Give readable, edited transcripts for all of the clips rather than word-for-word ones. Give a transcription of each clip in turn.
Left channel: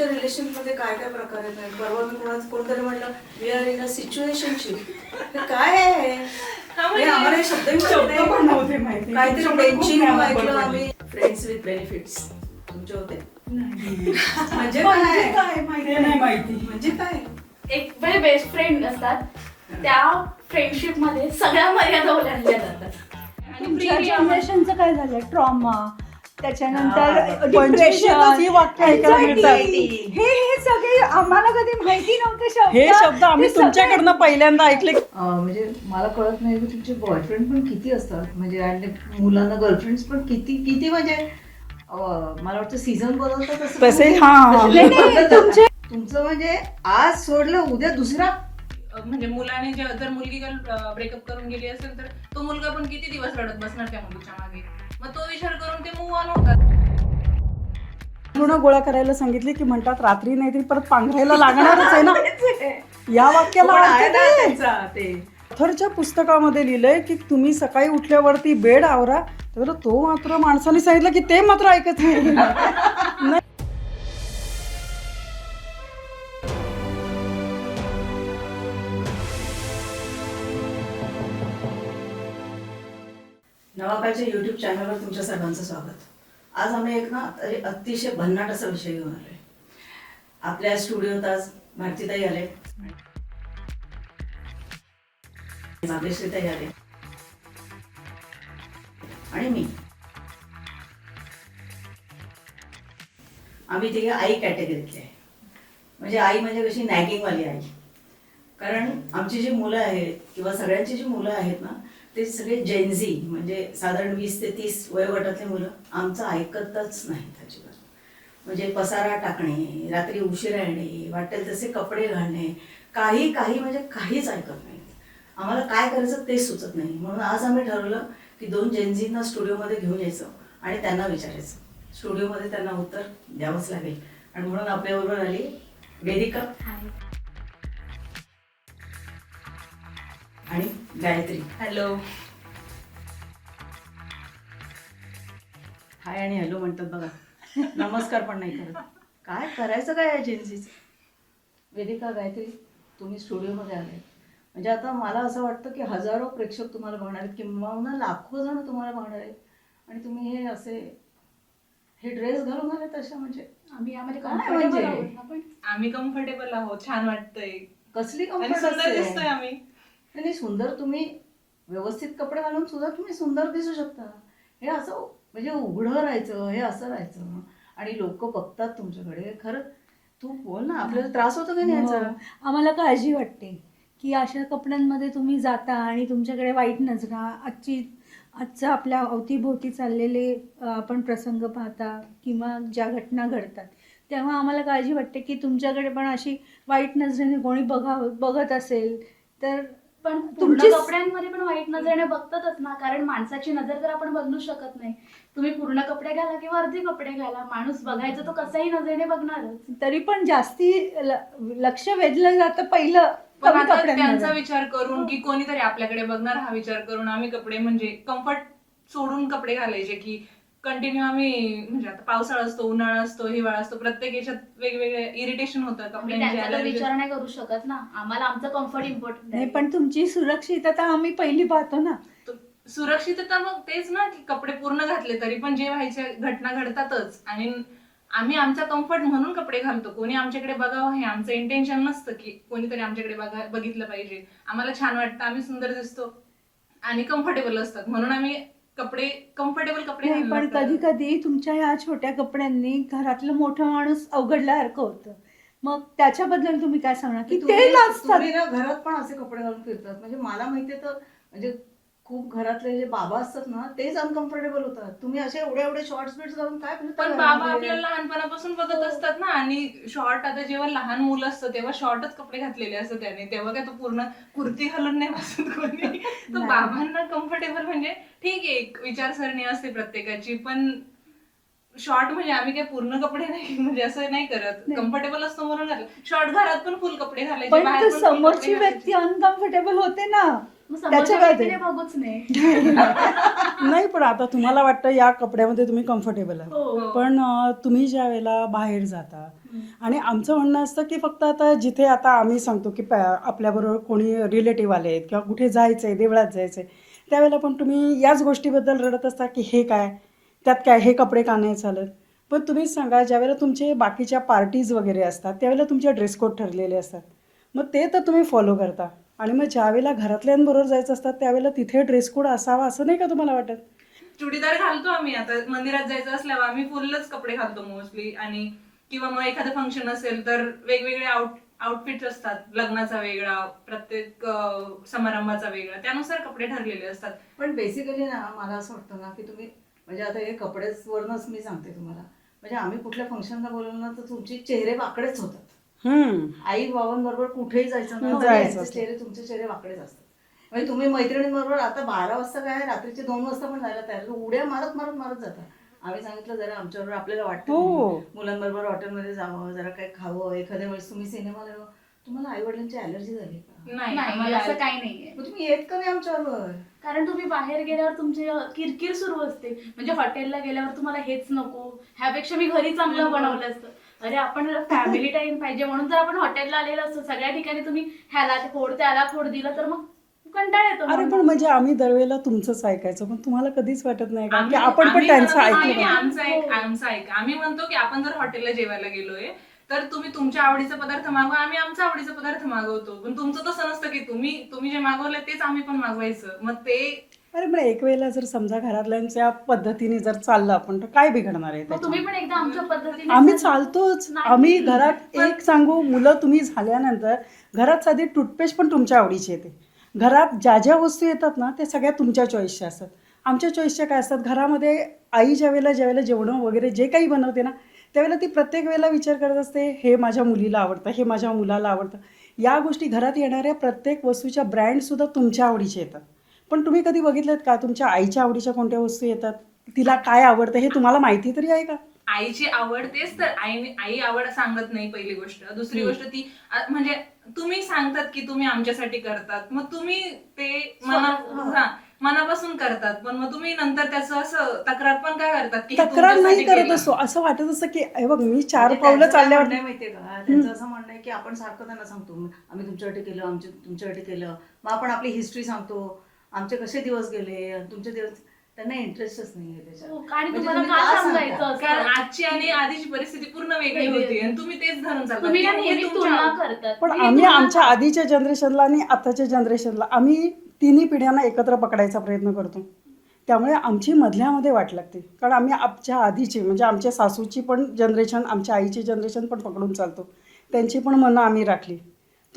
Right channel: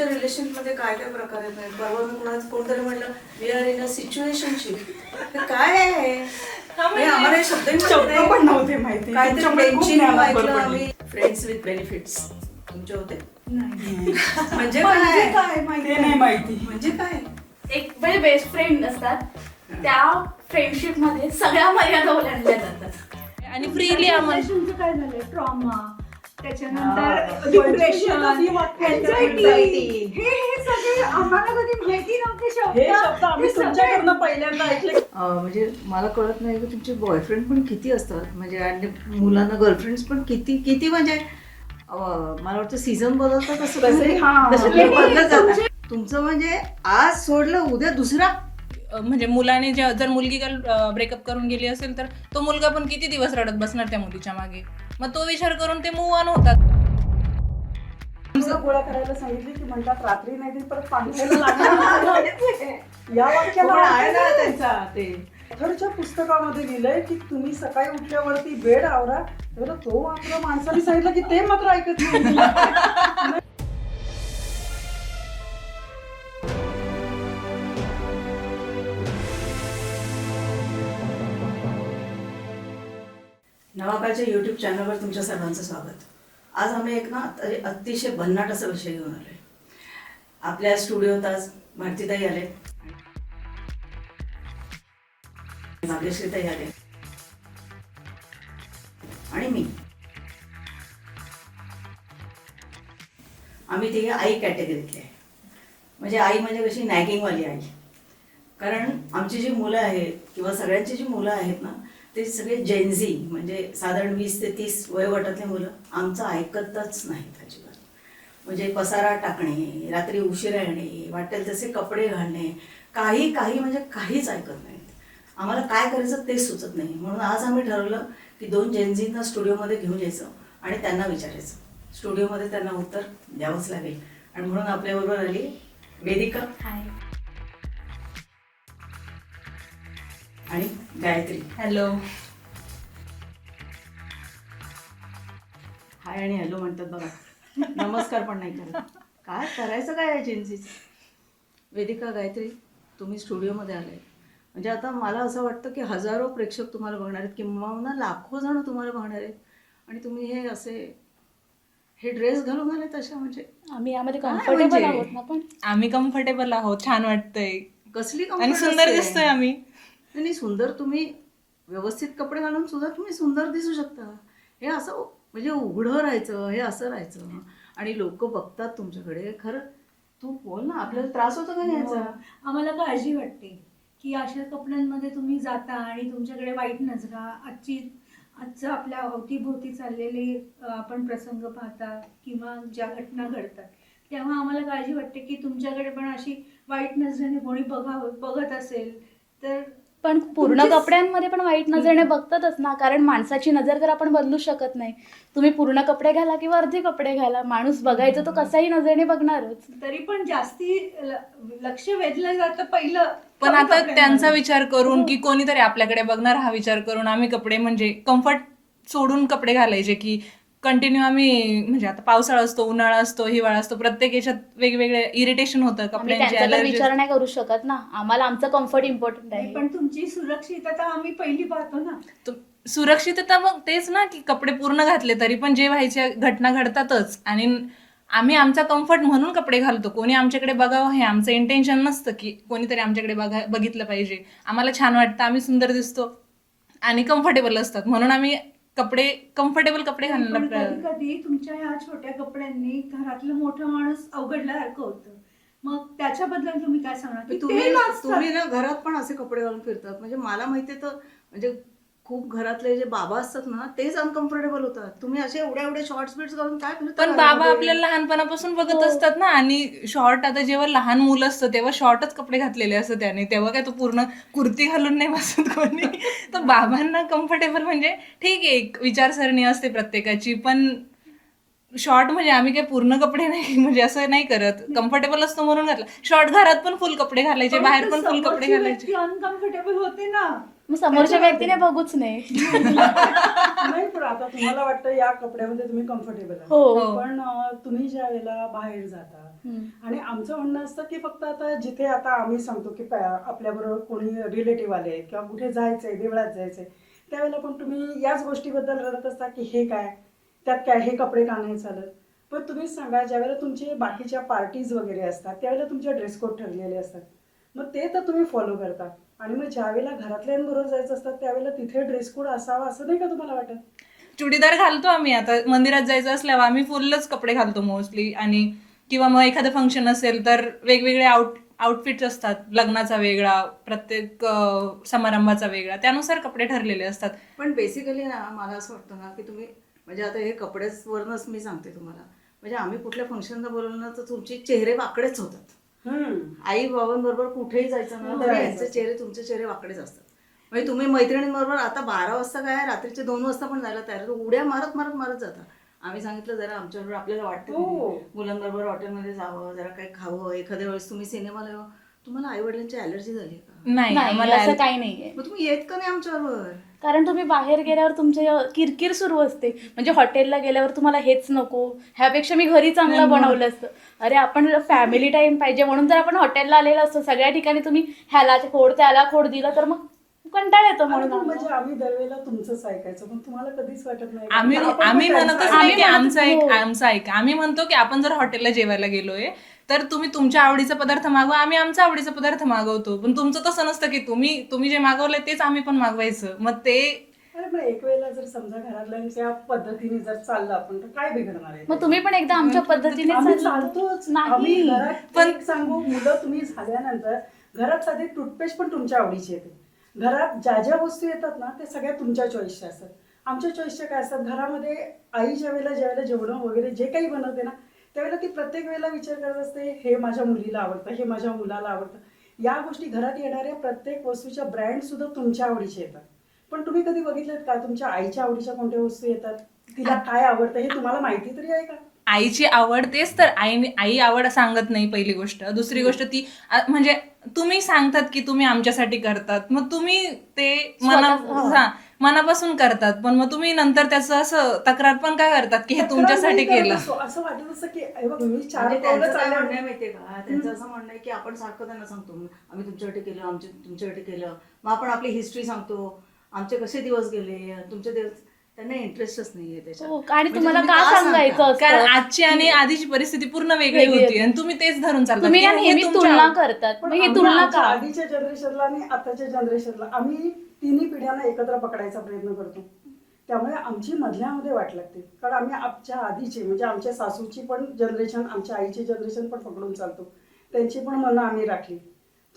तुमच्या रिलेशनमध्ये काय काय प्रकार आहेत? परवा मी कोणतरी म्हणलं we are in a situationship. काय आहे हे? आम्हाला हे शब्द पण नव्हते माहिती. काहीतरी तुमच्याकडे खूप बेंचिंग ज्ञान ऐकलं भरपूर आम्ही. फ्रेंड्स विथ बेनिफिट्स तुमचे होते? नाही. म्हणजे म्हणजे काय? काय माहिती नाही माहिती. म्हणजे काय? एक म्हणजे बेस्ट फ्रेंड असतात, त्या फ्रेंडशिप मध्ये सगळ्या मर्यादा ओलांडल्या जातात. आणि फ्रीली जनरेशनचं काय झालं, ट्रॉमा, त्याच्यानंतर पंचवीसशेतच ही वाक्य ऐकायला मिळतात. हे सगळे आम्हाला कधी माहिती नव्हते हे शब्द आम्ही हे सगळे- तुमच्याकडनं पहिल्यांदा ऐकले. म्हणजे मला कळत नाही की तुमचे बॉयफ्रेंड पण किती असतात, म्हणजे आणि मुलांना गर्लफ्रेंड्स पण किती किती, म्हणजे मला वाटतं सीझन बदलतात असं तसे तुम्ही- हा. तसे नाही, बदलत नाही, जातात. तुमचं म्हणजे आज सोडलं उद्या दुसरा. म्हणजे मुलाने जर मुलगी ब्रेकअप करून गेली असेल तर तो मुलगा पण किती दिवस रडत बसणार त्या मुलीच्या मागे. मग तो विचार करून ते मूव्ह ऑन होतात. पूर्ण गोळ्या करायला सांगितली की म्हणतात रात्री नाही तरी परत पांघरायला लागणारच आहे ना. या वाक्याला पण आहे ना त्यांचा ते. ऑथरच्या पुस्तकामध्ये लिहिलंय की तुम्ही सकाळी उठल्यावरती बेड आवरा, तर तो मात्र माणसाने सांगितलं की ते मात्र ऐकत नाही. नवाकाळच्या यूट्यूब चॅनलवर तुमच्या सर्वांचं स्वागत. आज आम्ही एक ना अतिशय भन्नाट असा विषय घेऊन आलोय. आपल्या स्टुडिओत आज भारतीताई आले, भाग्यश्रीताई आले आणि मी. आम्ही तिघे आई कॅटेगरीतले आहे. म्हणजे आई म्हणजे कशी नॅगिंगवाली आई. कारण आमची जी मुलं आहेत किंवा सगळ्यांची जी मुलं आहेत ना, ते सगळे जेनझी, म्हणजे साधारण 20 ते 30 वयोगटातले मुलं आमचं ऐकतच नाहीत अजिबात. म्हणजे पसारा टाकणे, रात्री उशिरा येणे, वाटेल तसे कपडे घालणे, काही काही म्हणजे काहीच ऐकत नाहीत. आम्हाला काय करायचं तेच सुचत नाही. म्हणून आज आम्ही ठरवलं की 2 जेनझींना स्टुडिओमध्ये घेऊन यायचं आणि त्यांना विचारायचं. स्टुडिओमध्ये त्यांना उत्तर द्यावंच लागेल. आणि म्हणून आपल्याबरोबर आली वेदिका आणि गायत्री. हॅलो. हाय आणि हॅलो म्हणतात बघा, नमस्कार पण नाही करत. काय करायचं काय या जेन्सीचं? वेदिका, गायत्री, तुम्ही स्टुडिओमध्ये आलाय म्हणजे आता मला असं वाटतं की हजारो प्रेक्षक तुम्हाला बघणार आहेत, किंवा लाखो जण तुम्हाला बघणार आहेत, आणि तुम्ही हे ड्रेस घालून आले तशा, म्हणजे आम्ही यामध्ये काय कम्फर्टेबल म्हणजे? आहोत ना. पण आम्ही कम्फर्टेबल आहोत, छान वाटतंय कसली आणि comfort सुंदर असते. दिसतोय आम्ही. नाही सुंदर, तुम्ही व्यवस्थित कपडे घालून सुद्धा तुम्ही सुंदर दिसू शकता. हे असं म्हणजे उघडं राहायचं, हे असं राहायचं आणि लोक बघतात तुमच्याकडे. खरं तू बोल ना, आपल्याला त्रास होतो का नाही याचा? आम्हाला काळजी वाटते की अशा कपड्यांमध्ये तुम्ही जाता आणि तुमच्याकडे वाईट नजरा, आजचं आपल्या अवतीभोवती चाललेले आपण प्रसंग पाहता किंवा ज्या घटना घडतात, तेव्हा आम्हाला काळजी वाटते की तुमच्याकडे पण अशी वाईट नजरेने कोणी बघत असेल तर. पण पूर्ण तुमची- कपड्यांमध्ये पण वाईट नजरेने बघतातच ना, कारण माणसाची नजर तर आपण बदलू शकत नाही. तुम्ही पूर्ण कपडे घाला किंवा अर्धे कपडे घाला, माणूस बघायचं तो कसाही नजरेने बघणारच. तरी पण जास्ती लक्ष वेधलं जातं पहिलं पण कमी आता कपड्यांमध्ये. त्यांचा विचार करून की कोणीतरी आपल्याकडे बघणार हा विचार करून आम्ही कपडे म्हणजे कम्फर्ट सोडून कपडे घालायचे की कंटिन्यू आम्ही. म्हणजे आता पावसाळा असतो, उन्हाळा असतो, हिवाळा असतो, प्रत्येक याच्यात वेगवेगळे इरिटेशन होतं आम्ही कपड्यांची. त्यांचा तर allergies. विचार नाही करू शकत ना, आम्हाला आमचं कम्फर्ट इम्पॉर्टंट नाही, आहे. पण तुमची सुरक्षितता आम्ही पहिली पाहतो ना. सुरक्षितता मग तेच ना की कपडे पूर्ण घातले तरी पण जे व्हायच्या घटना घडतातच. आणि आम्ही आमचा कम्फर्ट म्हणून कपडे घालतो. कोणी आमच्याकडे बघावं हे आमचं इंटेन्शन नसतं की कोणीतरी आमच्याकडे बघितलं पाहिजे. आम्हाला छान वाटतं, आम्ही सुंदर दिसतो आणि कम्फर्टेबल असतात, म्हणून आम्ही कम्फर्टेबल कपडे नाही, पण घालतो. कधी कधी तुमच्या ह्या छोट्या कपड्यांनी घरातलं मोठा माणूस अवघडल्यासारखं होतं. मग त्याच्याबद्दल तुम्ही काय सांगणार की तुम्ही ते नसतात? तुम्ही ना घरात पण असे कपडे घालून फिरतात. म्हणजे मला माहितीये तर, म्हणजे खूप घरातले जे बाबा असतात ना तेच अनकम्फर्टेबल होतात. तुम्ही असे एवढे शॉर्ट्स बिट्स घालून काय फिरता पण घरामध्ये? बाबा आपल्याला लहानपणापासून बघत हो. असतात ना. आणि शॉर्ट, आता जेव्हा लहान मुलं असतं तेव्हा शॉर्टच कपडे घातलेले असतं त्याने, तेव्हा काय तो पूर्ण कुर्ती घालून नाही बसत कोणी. तर बाबांना कम्फर्टेबल म्हणजे ठीक आहे, एक विचारसरणी असते प्रत्येकाची. पण शॉर्ट म्हणजे आम्ही काय पूर्ण कपडे नाही म्हणजे असं नाही करत. कम्फर्टेबल असतो म्हणून घातलं. शॉर्ट घरात पण फुल कपडे घालायचे, पण बाहेर तर पण फुल कपडे समोरची घालायचे. व्यक्ती अनकम्फर्टेबल होते ना. मग समोरच्या त्याच्यामध्ये- व्यक्तीने बघूच नाही. नाही, पण आता तुम्हाला वाटतं या कपड्यामध्ये तुम्ही कम्फर्टेबल आहे, हो. पण तुम्ही ज्या वेळेला बाहेर जाता हम्म. आणि आमचं म्हणणं असतं की फक्त आता जिथे आता आम्ही सांगतो की आपल्याबरोबर कोणी रिलेटिव्ह आले आहेत किंवा कुठे जायचंय, देवळात जायचंय, त्यावेळेला पण तुम्ही याच गोष्टीबद्दल रडत असता की हे काय, त्यात काय, हे कपडे का नाही चालत. पण तुम्हीच सांगा, ज्यावेळेला तुमचे बाकीच्या पार्टीज वगैरे असतात त्यावेळेला तुमचे ड्रेस कोड ठरलेले असतात, मग ते तर तुम्ही फॉलो करता, आणि मग ज्यावेळेला घरातल्यांबरोबर जायचं असतात त्यावेळेला तिथे ड्रेस कोड असावा असं नाही का तुम्हाला वाटत? चुडीदार घालतो आम्ही. आता मंदिरात जायचं असल्यावर आम्ही फुलच कपडे घालतो मोस्टली. आणि किंवा मग एखादं फंक्शन असेल तर वेगवेगळे आउटफिट्स असतात, लग्नाचा वेगळा, प्रत्येक समारंभाचा वेगळा, त्यानुसार कपडे ठरलेले असतात. पण बेसिकली ना मला असं वाटतं ना की तुम्ही म्हणजे आता हे कपड्यावरनच मी सांगते तुम्हाला, म्हणजे आम्ही कुठल्या फंक्शनला बोलवलं ना तर तुमचे चेहरे वाकडेच होतात. आई बाबांबरोबर कुठेही जायचं ना तर जायचं यांचे असतं. चेहरे तुमचे चेहरे वाकडेच असतात. म्हणजे तुम्ही मैत्रिणींबरोबर आता 12 वाजता काय रात्रीचे 2 वाजता पण जायला तयार, उड्या मारत मारत मारत जाता. आम्ही सांगितलं जरा आमच्याबरोबर आपल्याला वाटतं हो. नाही. मुलांबरोबर हॉटेलमध्ये जावं, जरा काही खावं, एखाद्या वेळेस तुम्ही सिनेमाला यावं. तुम्हाला आई वडिलांची अलर्जी झाली का? नाही, नाही, आम्हाला असं काही नाहीये. मग तुम्ही येत का नाही आमच्याबरोबर? कारण तुम्ही बाहेर गेल्यावर तुमची किरकिर सुरू असते. म्हणजे हॉटेलला गेल्यावर तुम्हाला हेच नको, ह्यापेक्षा मी घरी चांगलं बनवलं असतं. अरे आपण फॅमिली टाइम पाहिजे म्हणून तर आपण हॉटेलला आलेलो असतो. सगळ्या ठिकाणी तुम्ही ह्याला खोड त्याला खोड दिलं तर मग कंटाळ येतो. अरे पण म्हणून म्हणजे आम्ही दरवेळेला तुमचंच ऐकायचं, पण तुम्हाला कधीच वाटत नाही का? आम्ही की आपण पण आम्ही त्यांचं म्हणत ऐकायचं. नाही की आमचं हो. आमचं ऐका. आम्ही म्हणतो की आपण जर हॉटेलला जेवायला गेलोय तर तुम्ही तुमच्या आवडीचा पदार्थ मागवा, आम्ही आमचा आवडीचा पदार्थ मागवतो. पण तुमचं तसं नसतं की तुम्ही जे मागवलंय तेच आम्ही पण मागवायचं. मग ते अरे पण एक वेळेला जर समजा घरातल्यांच्या पद्धतीने जर चाललं आपण तर काय बिघडणार आहे मग तुम्ही पण एकदा आमच्या पद्धतीने आम्ही चाललं. चालतोच. नाही. आम्ही घरात एक सांगू, मुलं तुम्ही झाल्यानंतर घरात साधी टूथपेस्ट पण तुमच्या आवडीची येते. घरात ज्या ज्या वस्तू येतात ना त्या सगळ्या तुमच्या चॉईसच्या असतात. आमच्या चॉईसच्या काय असतात, घरामध्ये आई ज्यावेळेला जेवणं वगैरे जे काही बनवते ना त्यावेळेला ती प्रत्येक वेळेला विचार करत असते, हे माझ्या मुलीला आवडतं, हे माझ्या मुलाला आवडतं. या गोष्टी घरात येणाऱ्या प्रत्येक वस्तूच्या ब्रँड सुद्धा तुमच्या आवडीचे येतात. पण तुम्ही कधी बघितलेत का तुमच्या आईच्या आवडीच्या कोणत्या वस्तू येतात, तिला काय आवडतं हे तुम्हाला माहिती तरी आहे का? आईची आवड तेच तर. आई आवड सांगत नाही पहिली गोष्ट. दुसरी गोष्ट ती म्हणजे तुम्ही सांगतात की तुम्ही आमच्यासाठी करतात, मग तुम्ही ते मनापासून करतात, पण मग तुम्ही नंतर त्याचं असं तक्रार पण काय करतात की हे तक्रार तुमच्यासाठी नाही करत केलं. असतो. असं वाटत असतं की हे बघ मी 4 म्हणजे पावलं त्यांचं काय चालल्यावर म्हणणं आहे माहितीये का, त्यांचं असं म्हणणं आहे की आपण सारखं त्यांना सांगतो आम्ही तुमच्यासाठी केलं, तुमच्यासाठी केलं, मग आपण आपली हिस्ट्री सांगतो, आमचे कसे दिवस गेले, तुमचे दिवस. त्यांना इंटरेस्टच नाहीये त्याच्यात. हो, आणि म्हणजे तुम्हाला तुम्ही का का सांगायचं सांगता? असतं? कारण आजची आणि आधीची परिस्थिती पूर्ण वेगळी वेगळी होती आणि तुम्ही तेच धरून चालता. तुम्ही ना की हे नेहमी तुमच्या- तुलना करतात. पण मग ही आम्ही तुलना आमच्या का? आधीच्या जनरेशनला आणि आताच्या जनरेशनला आम्ही तिन्ही पिढ्यांना एकत्र पकडायचा प्रयत्न करतो. त्यामुळे आमची मधल्यामध्ये वाट लागते, कारण आम्ही आमच्या आधीची म्हणजे आमच्या सासूची पण जनरेशन, आमच्या आईची जनरेशन पण पकडून चालतो. त्यांची पण मनं आम्ही राखली,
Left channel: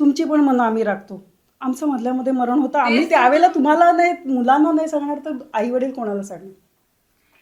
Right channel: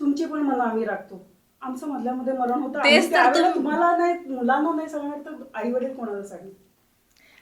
तुमची पण मनं आम्ही राखतो. आमचं मधल्यामध्ये मरण होतं. आम्ही तेच तर त्यावेळेला तुम्हाला नाही, मुलांना नाही सांगणार तर आई वडील कोणाला सांगणार?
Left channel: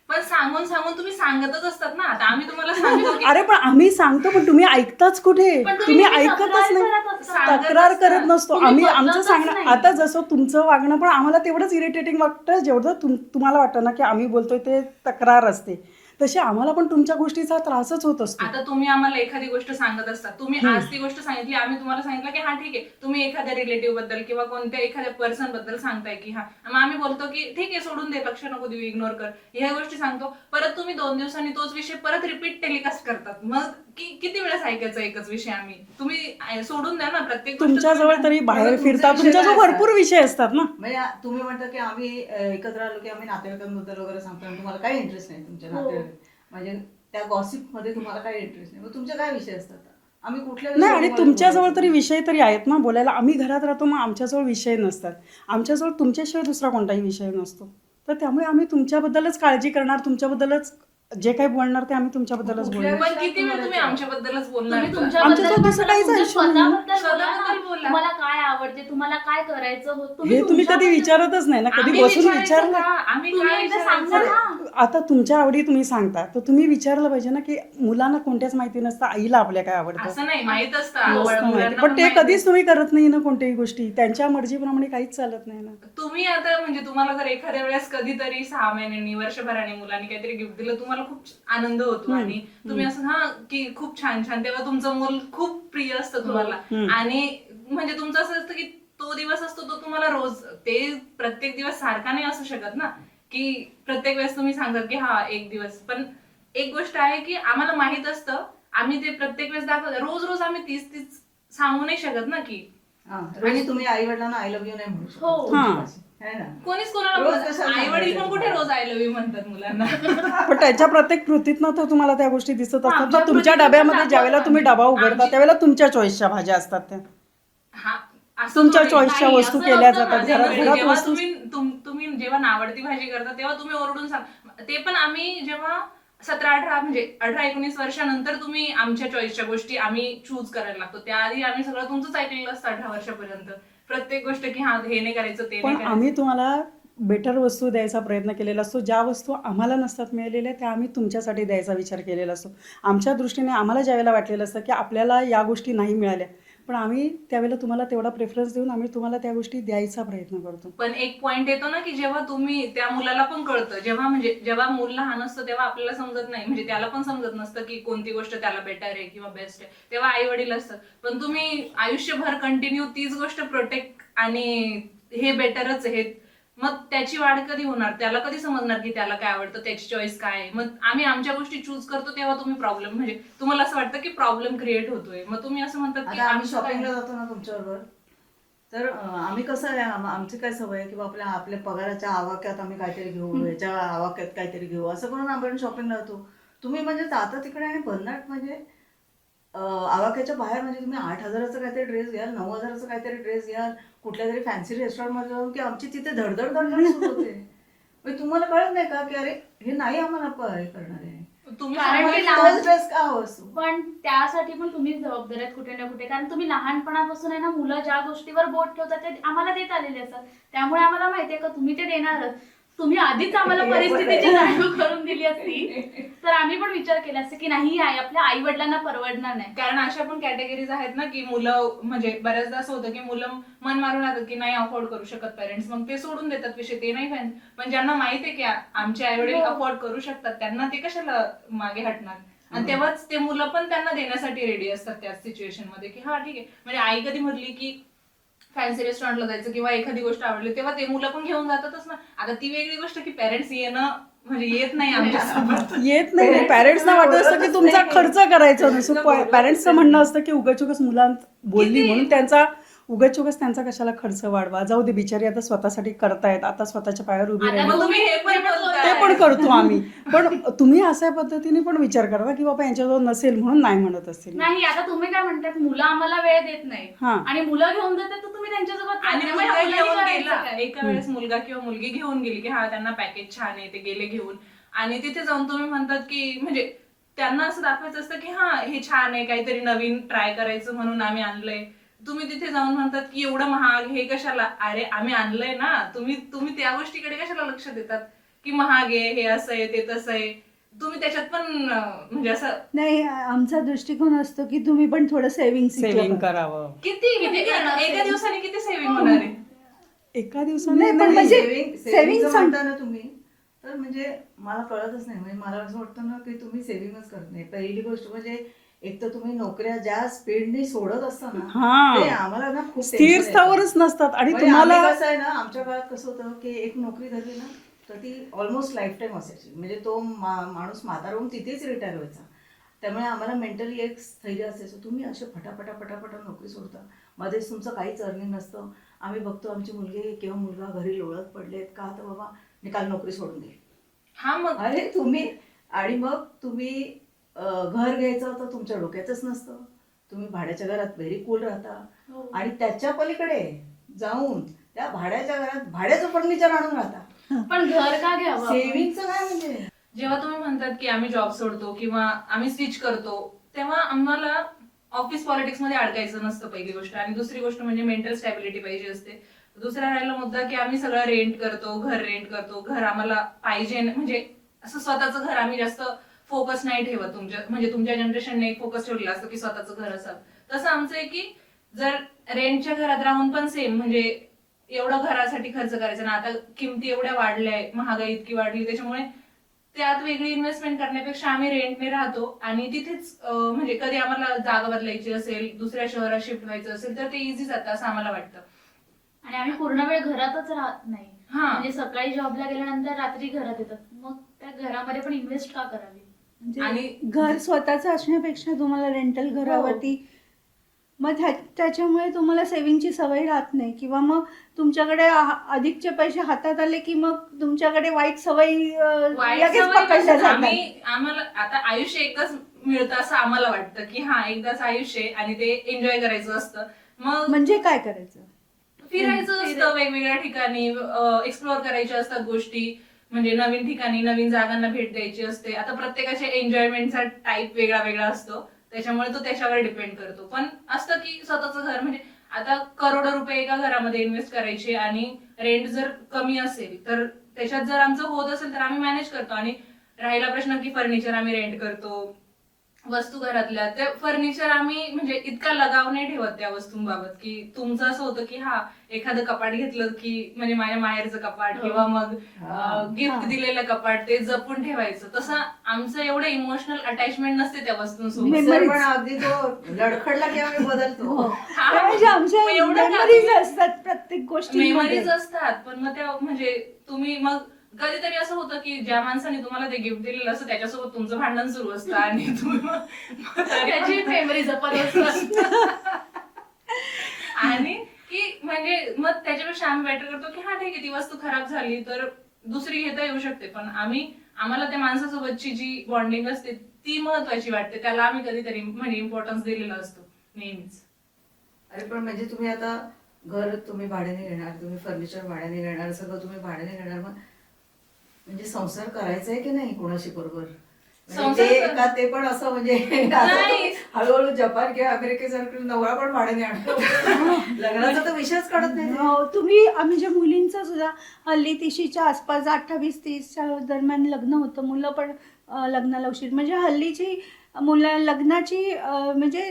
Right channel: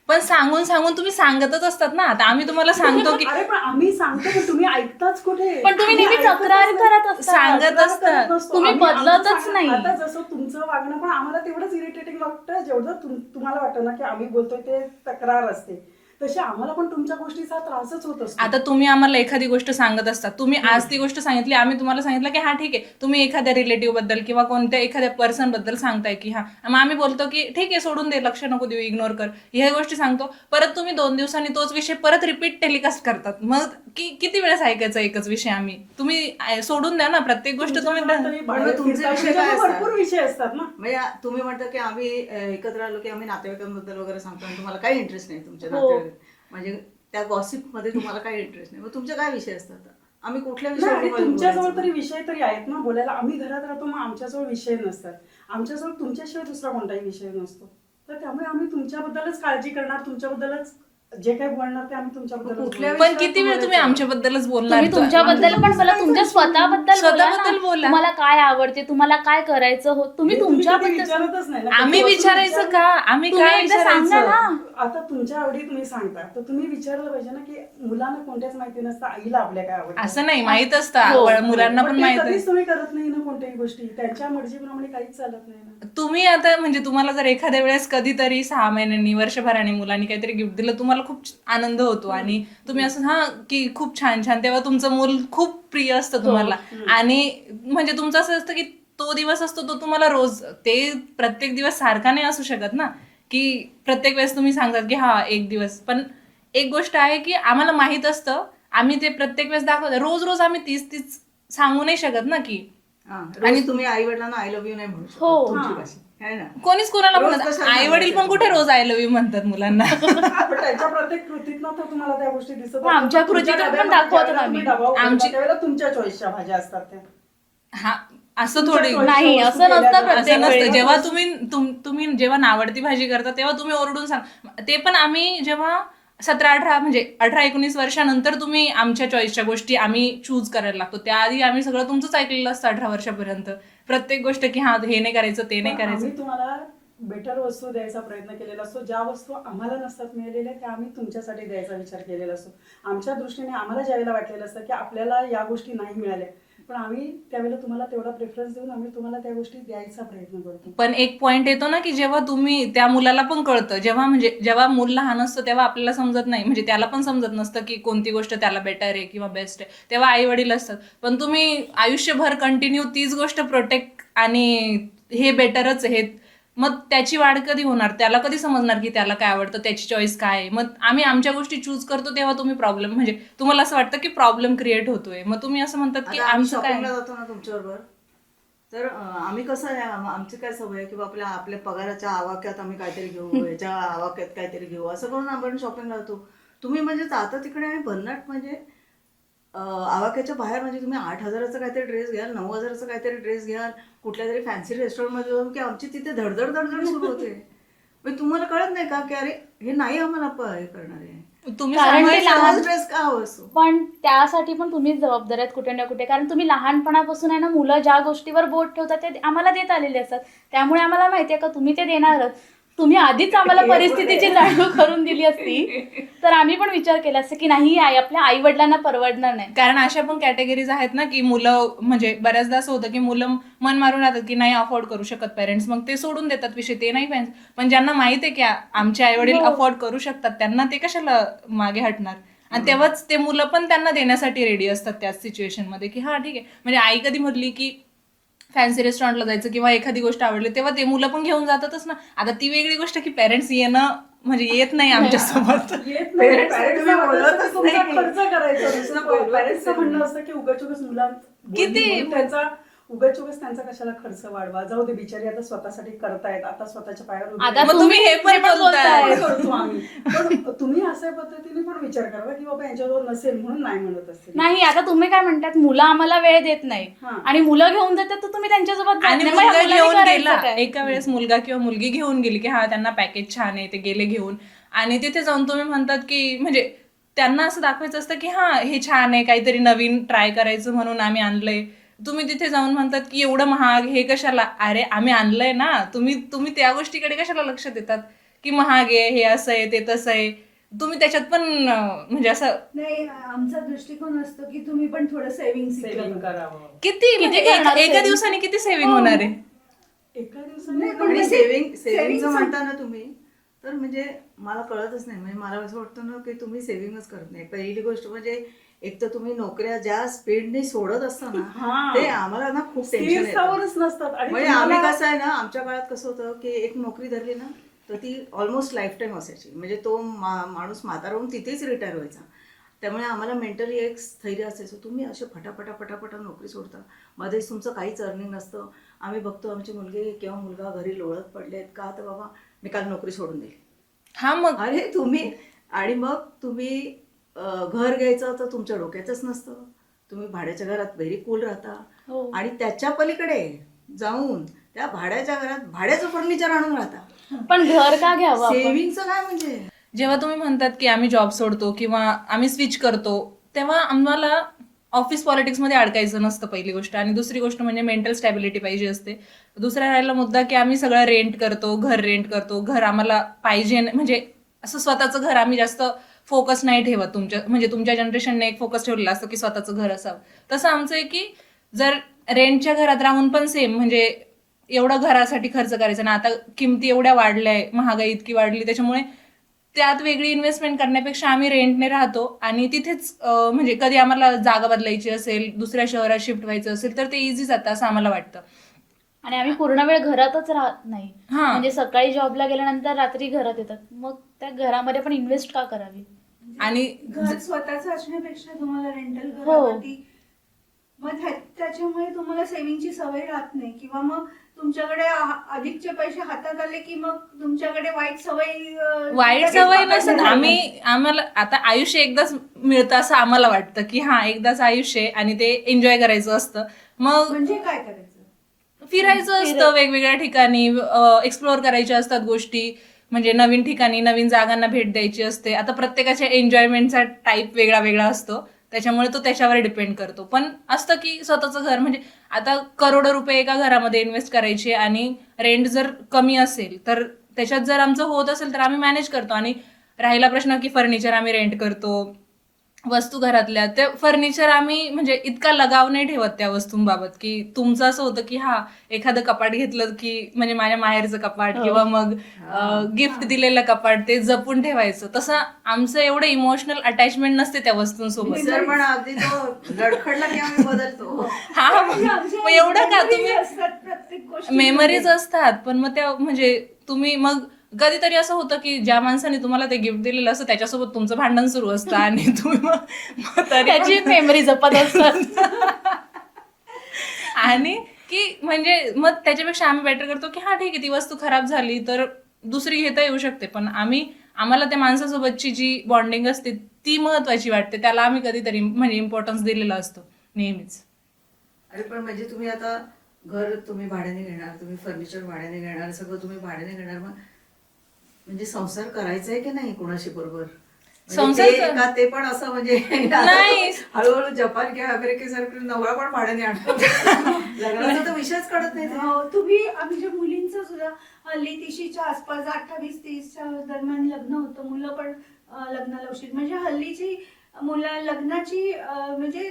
पण सांगून तुम्ही सांगतच असतात ना. आता आम्ही तुम्हाला सांगतो की अरे पण आम्ही सांगतो, पण तुम्ही ऐकताच कुठे? पण तुम्ही नेहमी ऐकतच तक्रार नाही. करत असता. सांगत तक्रार असता. करत नसतो तुम्ही आम्ही. आमचं बदलतच सांगणं नाही. आता जसं तुमचं वागणं पण आम्हाला तेवढंच इरिटेटिंग वाटतं जेवढं तुम्हाला वाटतं ना की आम्ही बोलतोय ते तक्रार असते, तशी आम्हाला पण तुमच्या गोष्टीचा त्रासच होत असतो. आता तुम्ही आम्हाला एखादी गोष्ट सांगत असता, तुम्ही आज ती गोष्ट सांगितली, आम्ही तुम्हाला सांगितलं की हा ठीक आहे, तुम्ही एखाद्या रिलेटिव्ह बद्दल किंवा कोणत्या एखाद्या पर्सन बद्दल सांगताय की हा, मग आम्ही बोलतो की ठीक आहे सोडून दे, लक्ष नको देऊ, इग्नोर कर, ह्या गोष्टी सांगतो. परत तुम्ही 2 दिवसांनी तोच विषय परत रिपीट टेलिकास्ट करतात. मग किती वेळेस ऐकायचा एकच विषय आम्ही? तुम्ही सोडून द्या ना प्रत्येक गोष्ट. तुमच्याजवळ तरी बाहेर तुमचे फिरता, विषय तुमच्याजवळ काय भरपूर विषय असतात ना. म्हणजे तुम्ही म्हणता की आम्ही एकत्र आलो की आम्ही नातेवाईकांबद्दल वगैरे सांगतो आणि तुम्हाला काही इंटरेस्ट नाही तुमच्या हो. नातेवाईक, म्हणजे त्या गॉसिप मध्ये तुम्हाला काही इंटरेस्ट नाही. मग तुमचे काय विषय असतात? आम्ही कुठल्या नाही, आणि विषयावर तुमच्याजवळ बोलायचं? तरी विषय तरी आहेत ना बोलायला. आम्ही घरात राहतो, मग आमच्याजवळ विषय नसतात. आमच्याजवळ तुमच्याशिवाय दुसरा कोणताही विषय नसतो. तर त्यामुळे आम्ही तुमच्याबद्दलच काळजी करणार, तुमच्याबद्दलच जे काही बोलणार ते आम्ही तुमच्याबद्दलच कुठल्या बोलणार. पण किती वेळ तुम्ही आमच्याबद्दलच बोलणार? तुम्ही तुमच्याबद्दल पण बोला, तुमच्या स्वतःबद्दल स्वतःबद्दल बोला. बोला. तुम्हाला काय आवडते, तुम्हाला काय करायचं हो, हे तुम्ही कधी तुमच्याबद्दल- विचारतच नाही ना. कधी आम्ही बसून विचारायचं विचारलं? का? आम्ही तुम्ही काय एकदा सांगा विचारायचं? ना. आता तुमच्या आवडी तुम्ही सांगता, तर तुम्ही विचारलं पाहिजे ना की मुलांना कोणत्याच माहिती नसतं आईला आपल्या काय आवडतं. असं नाही, माहित हो. असतं मुलांना पण पण ते माहित कधीच तुम्ही करत नाही ना कोणत्याही गोष्टी. त्यांच्या मर्जीप्रमाणे काहीच चालत नाही ना. तुम्ही आता म्हणजे तुम्हाला जर एखाद्या वेळेस कधीतरी 6 महिन्यांनी, वर्षभराने मुलांनी काहीतरी गिफ्ट दिलं, तुम्हाला खूप आनंद होतो आणि तुम्ही असं हा की खूप छान छान, तेव्हा तुमचं मूल खूप प्रिय असतं तुम्हाला. आणि म्हणजे तुमचं असं असतं की तो दिवस असतो तो तुम्हाला रोज, ते प्रत्येक दिवस सारखा नाही असू शकत ना, की प्रत्येक वेळेस तुम्ही सांगतात की हा एक दिवस. पण एक गोष्ट आहे की आम्हाला माहित असतं, आम्ही ते प्रत्येक वेळेस दाखवतो. रोज रोज आम्ही तीच सांगू नाही शकत ना, की आणि तुम्ही आई वडिलांना आय लव्ह यू नाही म्हणू शकत हो. तुमची हां. भाषा, है ना? कोणीच कोणाला रोज म्हणत, कशाला आई वडील पण सांगायचं? कुठे रोज आय लव्ह यू म्हणतात मुलांना. पण त्याच्या प्रत्येक कृतीतनं तर तुम्हाला त्या गोष्टी दिसत असतात. आमच्या पण तुमच्या कृतीतून पण डब्यामध्ये दाखवतो ज्यावेळेला तुम्ही आम्ही. डबा उघडता आमची- त्यावेळेला तुमच्या चॉईसच्या भाज्या असतात त्या. हा, असं तुमच्या थोडी चॉईसच्या नाही, वस्तू असं केल्या नसतं जातात. प्रत्येक असं वेळेस. नसतं. त्या जेव्हा वस्तू- तुम्ही जेव्हा नावडती भाजी करता तेव्हा तुम्ही ओरडून सांग. ते पण आम्ही जेव्हा 17-18 म्हणजे 18-19 वर्षानंतर तुम्ही आमच्या चॉईसच्या गोष्टी आम्ही चूज करायला लागतो. त्याआधी आम्ही सगळं तुमचंच ऐकलेलं असतं 18 वर्षापर्यंत. प्रत्येक गोष्ट की हा हे नाही करायचं, ते नाही पण करायचं. आम्ही तुम्हाला बेटर वस्तू द्यायचा प्रयत्न केलेला असतो. ज्या वस्तू आम्हाला नसतात मिळालेल्या त्या आम्ही तुमच्यासाठी द्यायचा विचार केलेला असतो. आमच्या दृष्टीने आम्हाला ज्यावेळेला वाटलेलं असतं की आपल्याला या गोष्टी नाही मिळाल्या, पण आम्ही त्यावेळेला तुम्हाला तेवढा प्रेफरन्स देऊन आम्ही तुम्हाला त्या गोष्टी द्यायचा प्रयत्न करतो. पण एक पॉइंट येतो ना, की जेव्हा तुम्ही त्या मुलाला पण कळतं, जेव्हा मूल लहान असतं तेव्हा आपल्याला समजत नाही, म्हणजे त्याला पण समजत नसतं की कोणती गोष्ट त्याला बेटर आहे किंवा बेस्ट आहे. तेव्हा आई वडील असतात. पण तुम्ही आयुष्यभर कंटिन्यू तीच गोष्ट प्रोटेक्ट आणि हे बेटरच आहे, मग त्याची वाढ कधी होणार? त्याला कधी समजणार की त्याला काय आवडतं, त्याची चॉईस काय आहे? मग आम्ही आमच्या गोष्टी चूज करतो तेव्हा तुम्ही प्रॉब्लेम, म्हणजे तुम्हाला असं वाटतं की प्रॉब्लेम क्रिएट होतोय. मग तुम्ही असं म्हणतात की आता आम्ही आमचं काय. शॉपिंगला जातो ना तुमच्याबरोबर, तर आम्ही कसं आहे, आमची काय सवय आहे की आपल्या पगाराच्या आवाक्यात आम्ही काहीतरी घेऊ, याच्या आवाक्यात काहीतरी घेऊ, असं करून आपण शॉपिंगला जातो. तुम्ही म्हणजे जाता तिकडे आणि भन्नाट म्हणजे आवाक्याच्या बाहेर म्हणजे तुम्ही 8,000चा काहीतरी ड्रेस घ्याल, 9,000चा काहीतरी ड्रेस घ्याल, कुठल्या तरी फॅन्सी रेस्टॉरंटमध्ये जाऊन की आमची तिथे धडधड सुरू होते. म्हणजे तुम्हाला कळत नाही का की अरे हे नाही आम्हाला हे करणार आहे, तुम्ही कारण ते सांगायचं- लहान- ड्रेस का हवा असतो? पण त्यासाठी पण तुम्हीच जबाबदार आहेत कुठे ना कुठे. कारण तुम्ही लहानपणापासून आहे ना, मुलं ज्या गोष्टीवर बोट ठेवतात ते आम्हाला देत आलेले असतात. त्यामुळे आम्हाला माहितीये का तुम्ही ते देणारच. तुम्ही आधीच आम्हाला परिस्थितीची जाणीव करून दिली असती तर आम्ही पण विचार केला असता की नाही, आपल्या आई वडिलांना परवडणार नाही. कारण अशा पण कॅटेगरीज आहेत ना, की मुलं म्हणजे बऱ्याचदा असं होतं की मुलं मन मारून राहतात की नाही अफोर्ड करू शकत पेरेंट्स, मग ते सोडून देतात विषय, ते नाही पाहिजे. पण ज्यांना माहित आहे की आमचे आई वडील हो. अफोर्ड करू शकतात, त्यांना ते कशाला मागे हटणार? आणि तेव्हाच ते मुलं पण त्यांना देण्यासाठी रेडी असतात त्याच सिच्युएशन मध्ये, की हा ठीक आहे. म्हणजे आई कधी म्हटली की फॅन्सी रेस्टॉरंटला जायचं किंवा एखादी गोष्ट आवडली तेव्हा ते मुलं पण घेऊन जातातच ना. आता ती वेगळी गोष्ट की पेरेंट्स येणं म्हणजे येत नाही आमच्यासोबत. येत नाही. Parents पॅरेंट्सना वाटत असतं की बोलतच तुमचा नाही. खर्च करायचा नसतो. बोलतच पॅरेंट्सचं म्हणणं असतं की उगाच मुलांत बोलली किती? म्हणून त्यांचा उगाच त्यांचा कशाला खर्च वाढवा, जाऊ दे बिचारी आता स्वतःसाठी करतायत, आता स्वतःच्या पायावर उभी आता राहिली. मग तुम्ही हे पण बोलताय. पण करतो आम्ही. पण तुम्ही अशा पद्धतीने पण विचार करा की बाबा यांच्याजवळ नसेल म्हणून नाही म्हणत असतील. नाही, आता तुम्ही काय म्हणतात, मुलं आम्हाला वेळ देत नाही हा. आणि मुलं घेऊन जातात तर तुम्ही त्यांच्यासोबत जात आणि नाही. मग या मुलगा मुलांनी घेऊन करायचं गेला, काय? एका वेळेस मुलगा किंवा मुलगी घेऊन गेली की हा त्यांना पॅकेज छान आहे, ते गेले घेऊन, आणि तिथे जाऊन तुम्ही म्हणतात की म्हणजे त्यांना असं दाखवायचं असतं की हा हे छान आहे, काहीतरी नवीन ट्राय करायचं म्हणून आम्ही आणलंय. तुम्ही तिथे जाऊन म्हणतात की एवढं महाग, हे कशाला? अरे आम्ही आणलंय ना, तुम्ही त्या गोष्टीकडे कशाला लक्ष देतात की महाग आहे, हे असं आहे, ते तसं आहे. तुम्ही त्याच्यात पण म्हणजे असं नाही, आमचा दृष्टिकोन असतो की तुम्ही पण थोडं सेव्हिंग करावं. किती म्हणजे करणार एका saving? दिवसाने किती सेव्हिंग होणार आहे? एका दिवसाने नाही, पण नाही. म्हणजे सेव्हिंग saving म्हणता ना तुम्ही, तर म्हणजे मला कळतच नाही. म्हणजे मला असं वाटतं ना की तुम्ही सेव्हिंगच करत नाही. पहिली गोष्ट म्हणजे एक तर तुम्ही नोकऱ्या ज्या स्पीडने सोडत असता ना, हा. ते आम्हाला ना खूप स्थिर tension येतं. स्थावरच नसतात आणि म्हणजे आम्ही तुम्हाला कसं आहे ना, आमच्या काळात कसं होतं की एक नोकरी धरली ना तर ती ऑलमोस्ट लाईफ टाईम असायची. म्हणजे तो माणूस म्हातारा होऊन तिथेच रिटायर व्हायचा. त्यामुळे आम्हाला मेंटली एक स्थैर्य असायचं. तुम्ही असे फटाफटा नोकरी सोडता, मध्येच तुमचं काहीच अर्निंग नसतं. आम्ही बघतो आमचे मुलगे किंवा मुलगा घरी लोळत पडलेत का, तर बाबा मी काल नोकरी सोडून दिली. हा मग अरे तुम्ही, आणि मग तुम्ही घर घ्यायचं तर तुमच्या डोक्यातच नसतं. तुम्ही भाड्याच्या घरात व्हेरी कूल राहता हो. आणि त्याच्या पलीकडे जाऊन त्या भाड्याच्या घरात भाड्याचं फर्निचर आणून राहता. पण घर का घ्यावं आपण? सेव्हिंगचं काय म्हणजे? जेव्हा तुम्ही म्हणतात की आम्ही जॉब सोडतो किंवा आम्ही स्विच करतो, तेव्हा आम्हाला ऑफिस पॉलिटिक्समध्ये अडकायचं नसतं पहिली गोष्ट. आणि दुसरी गोष्ट म्हणजे मेंटल स्टॅबिलिटी पाहिजे असते. दुसरा राहिला मुद्दा की आम्ही सगळं रेंट करतो, घर रेंट करतो. घर आम्हाला पाहिजे म्हणजे असं स्वतःचं घर आम्ही जास्त फोकस नाही ठेवत. तुमच्या जनरेशनने एक फोकस ठेवलेला असतो की स्वतःचं घर असावं. तसं आमचं आहे की जर रेंटच्या घरात राहून पण सेम म्हणजे एवढं घरासाठी खर्च करायचं ना, आता किमती एवढ्या वाढल्याय, महागाई इतकी वाढली, त्याच्यामुळे त्यात वेगळी इन्व्हेस्टमेंट करण्यापेक्षा आम्ही रेंटने राहतो आणि तिथेच म्हणजे कधी आम्हाला जागा बदलायची असेल, दुसऱ्या शहरात शिफ्ट व्हायचं असेल तर ते इझी जातं असं आम्हाला वाटतं. आणि आम्ही पूर्ण वेळ घरातच राहत नाही. हा. म्हणजे सकाळी जॉबला गेल्यानंतर रात्री घरात येतात. मग त्या घरामध्ये पण इन्व्हेस्ट का करावी? आणि घर स्वतःचं असण्यापेक्षा तुम्हाला रेंटल घरावरती मग त्याच्यामुळे तुम्हाला सेव्हिंगची सवय राहत नाही, किंवा मग तुमच्याकडे अधिकचे पैसे हातात आले की मग तुमच्याकडे वाईट सवय लगेच सवय पकडल्या नसतात. जातात. आम्हाला आता आयुष्य एकदाच मिळतं असं आम्हाला वाटतं की हा एकदाच आयुष्य आहे आणि ते एन्जॉय करायचं असतं. मग म्हणजे काय करायचं? फिरायचं असतं वेगवेगळ्या ठिकाणी, एक्सप्लोअर करायच्या असतात गोष्टी, म्हणजे नवीन ठिकाणी नवीन जागांना भेट द्यायची असते. आता प्रत्येकाच्या एन्जॉयमेंटचा टाईप वेगळा वेगळा असतो, त्याच्यामुळे तो त्याच्यावर डिपेंड करतो. पण असतं की स्वतःचं घर, म्हणजे आता करोडो रुपये एका घरामध्ये इन्व्हेस्ट करायचे आणि रेंट जर कमी असेल तर त्याच्यात जर आमचं होत असेल तर आम्ही मॅनेज करतो. आणि राहिला प्रश्न की फर्निचर आम्ही रेंट करतो, वस्तू घरातल्या, ते फर्निचर आम्ही म्हणजे इतका लगाव नाही ठेवत त्या वस्तूंबाबत, की तुमचं असं होतं की हा एखादं कपाट घेतलं की म्हणजे माझ्या माहेरचं कपाट किंवा मग गिफ्ट दिलेलं कपाट ते जपून ठेवायचं. तसं आमचं एवढं इमोशनल अटॅचमेंट नसते त्या वस्तूंसोबत. मिक्सर पण अगदी तो लडखडला की आम्ही बदलतो. म्हणजे आमच्या मग एवढं का memories तुम्ही- असतात प्रत्येक गोष्टी. मेमरीज असतात, पण मग त्या म्हणजे तुम्ही मग कधीतरी असं होतं की ज्या माणसाने तुम्हाला ते गिफ्ट दिलेलं असतं त्याच्यासोबत तुमचं भांडण सुरू असतं आणि तुम्ही मग तरी त्याची मेमरी जपत असतात. आणि की म्हणजे मग त्याच्यापेक्षा आम्ही बेटर करतो की हा ठीक आहे, ती वस्तू खराब झाली तर दुसरी घेता येऊ शकते, पण आम्हाला त्या माणसासोबतची जी बॉन्डिंग असते ती महत्वाची वाटते, त्याला आम्ही कधीतरी म्हणजे इम्पॉर्टन्स दिलेला असतो नेहमीच. अरे पण म्हणजे तुम्ही आता घर तुम्ही भाड्याने घेणार, तुम्ही फर्निचर भाड्याने घेणार, सगळं तुम्ही भाड्याने घेणार, मग म्हणजे संसार करायचा आहे की नाही कोणाशी बरोबर? संसार ते पण असं म्हणजे नाही. हळूहळू जपान किंवा अमेरिकेसारखं नवरा पण भाड्याने आणतो. लग्नाचा तर विषयच कळत नाही ते. तुम्ही आम्ही जे मुलींचं सुद्धा हल्ली 30च्या आसपास 28-30च्या दरम्यान लग्न होतं, मुलं पण लग्नाला उशीर, म्हणजे हल्लीची मुलं लग्नाची म्हणजे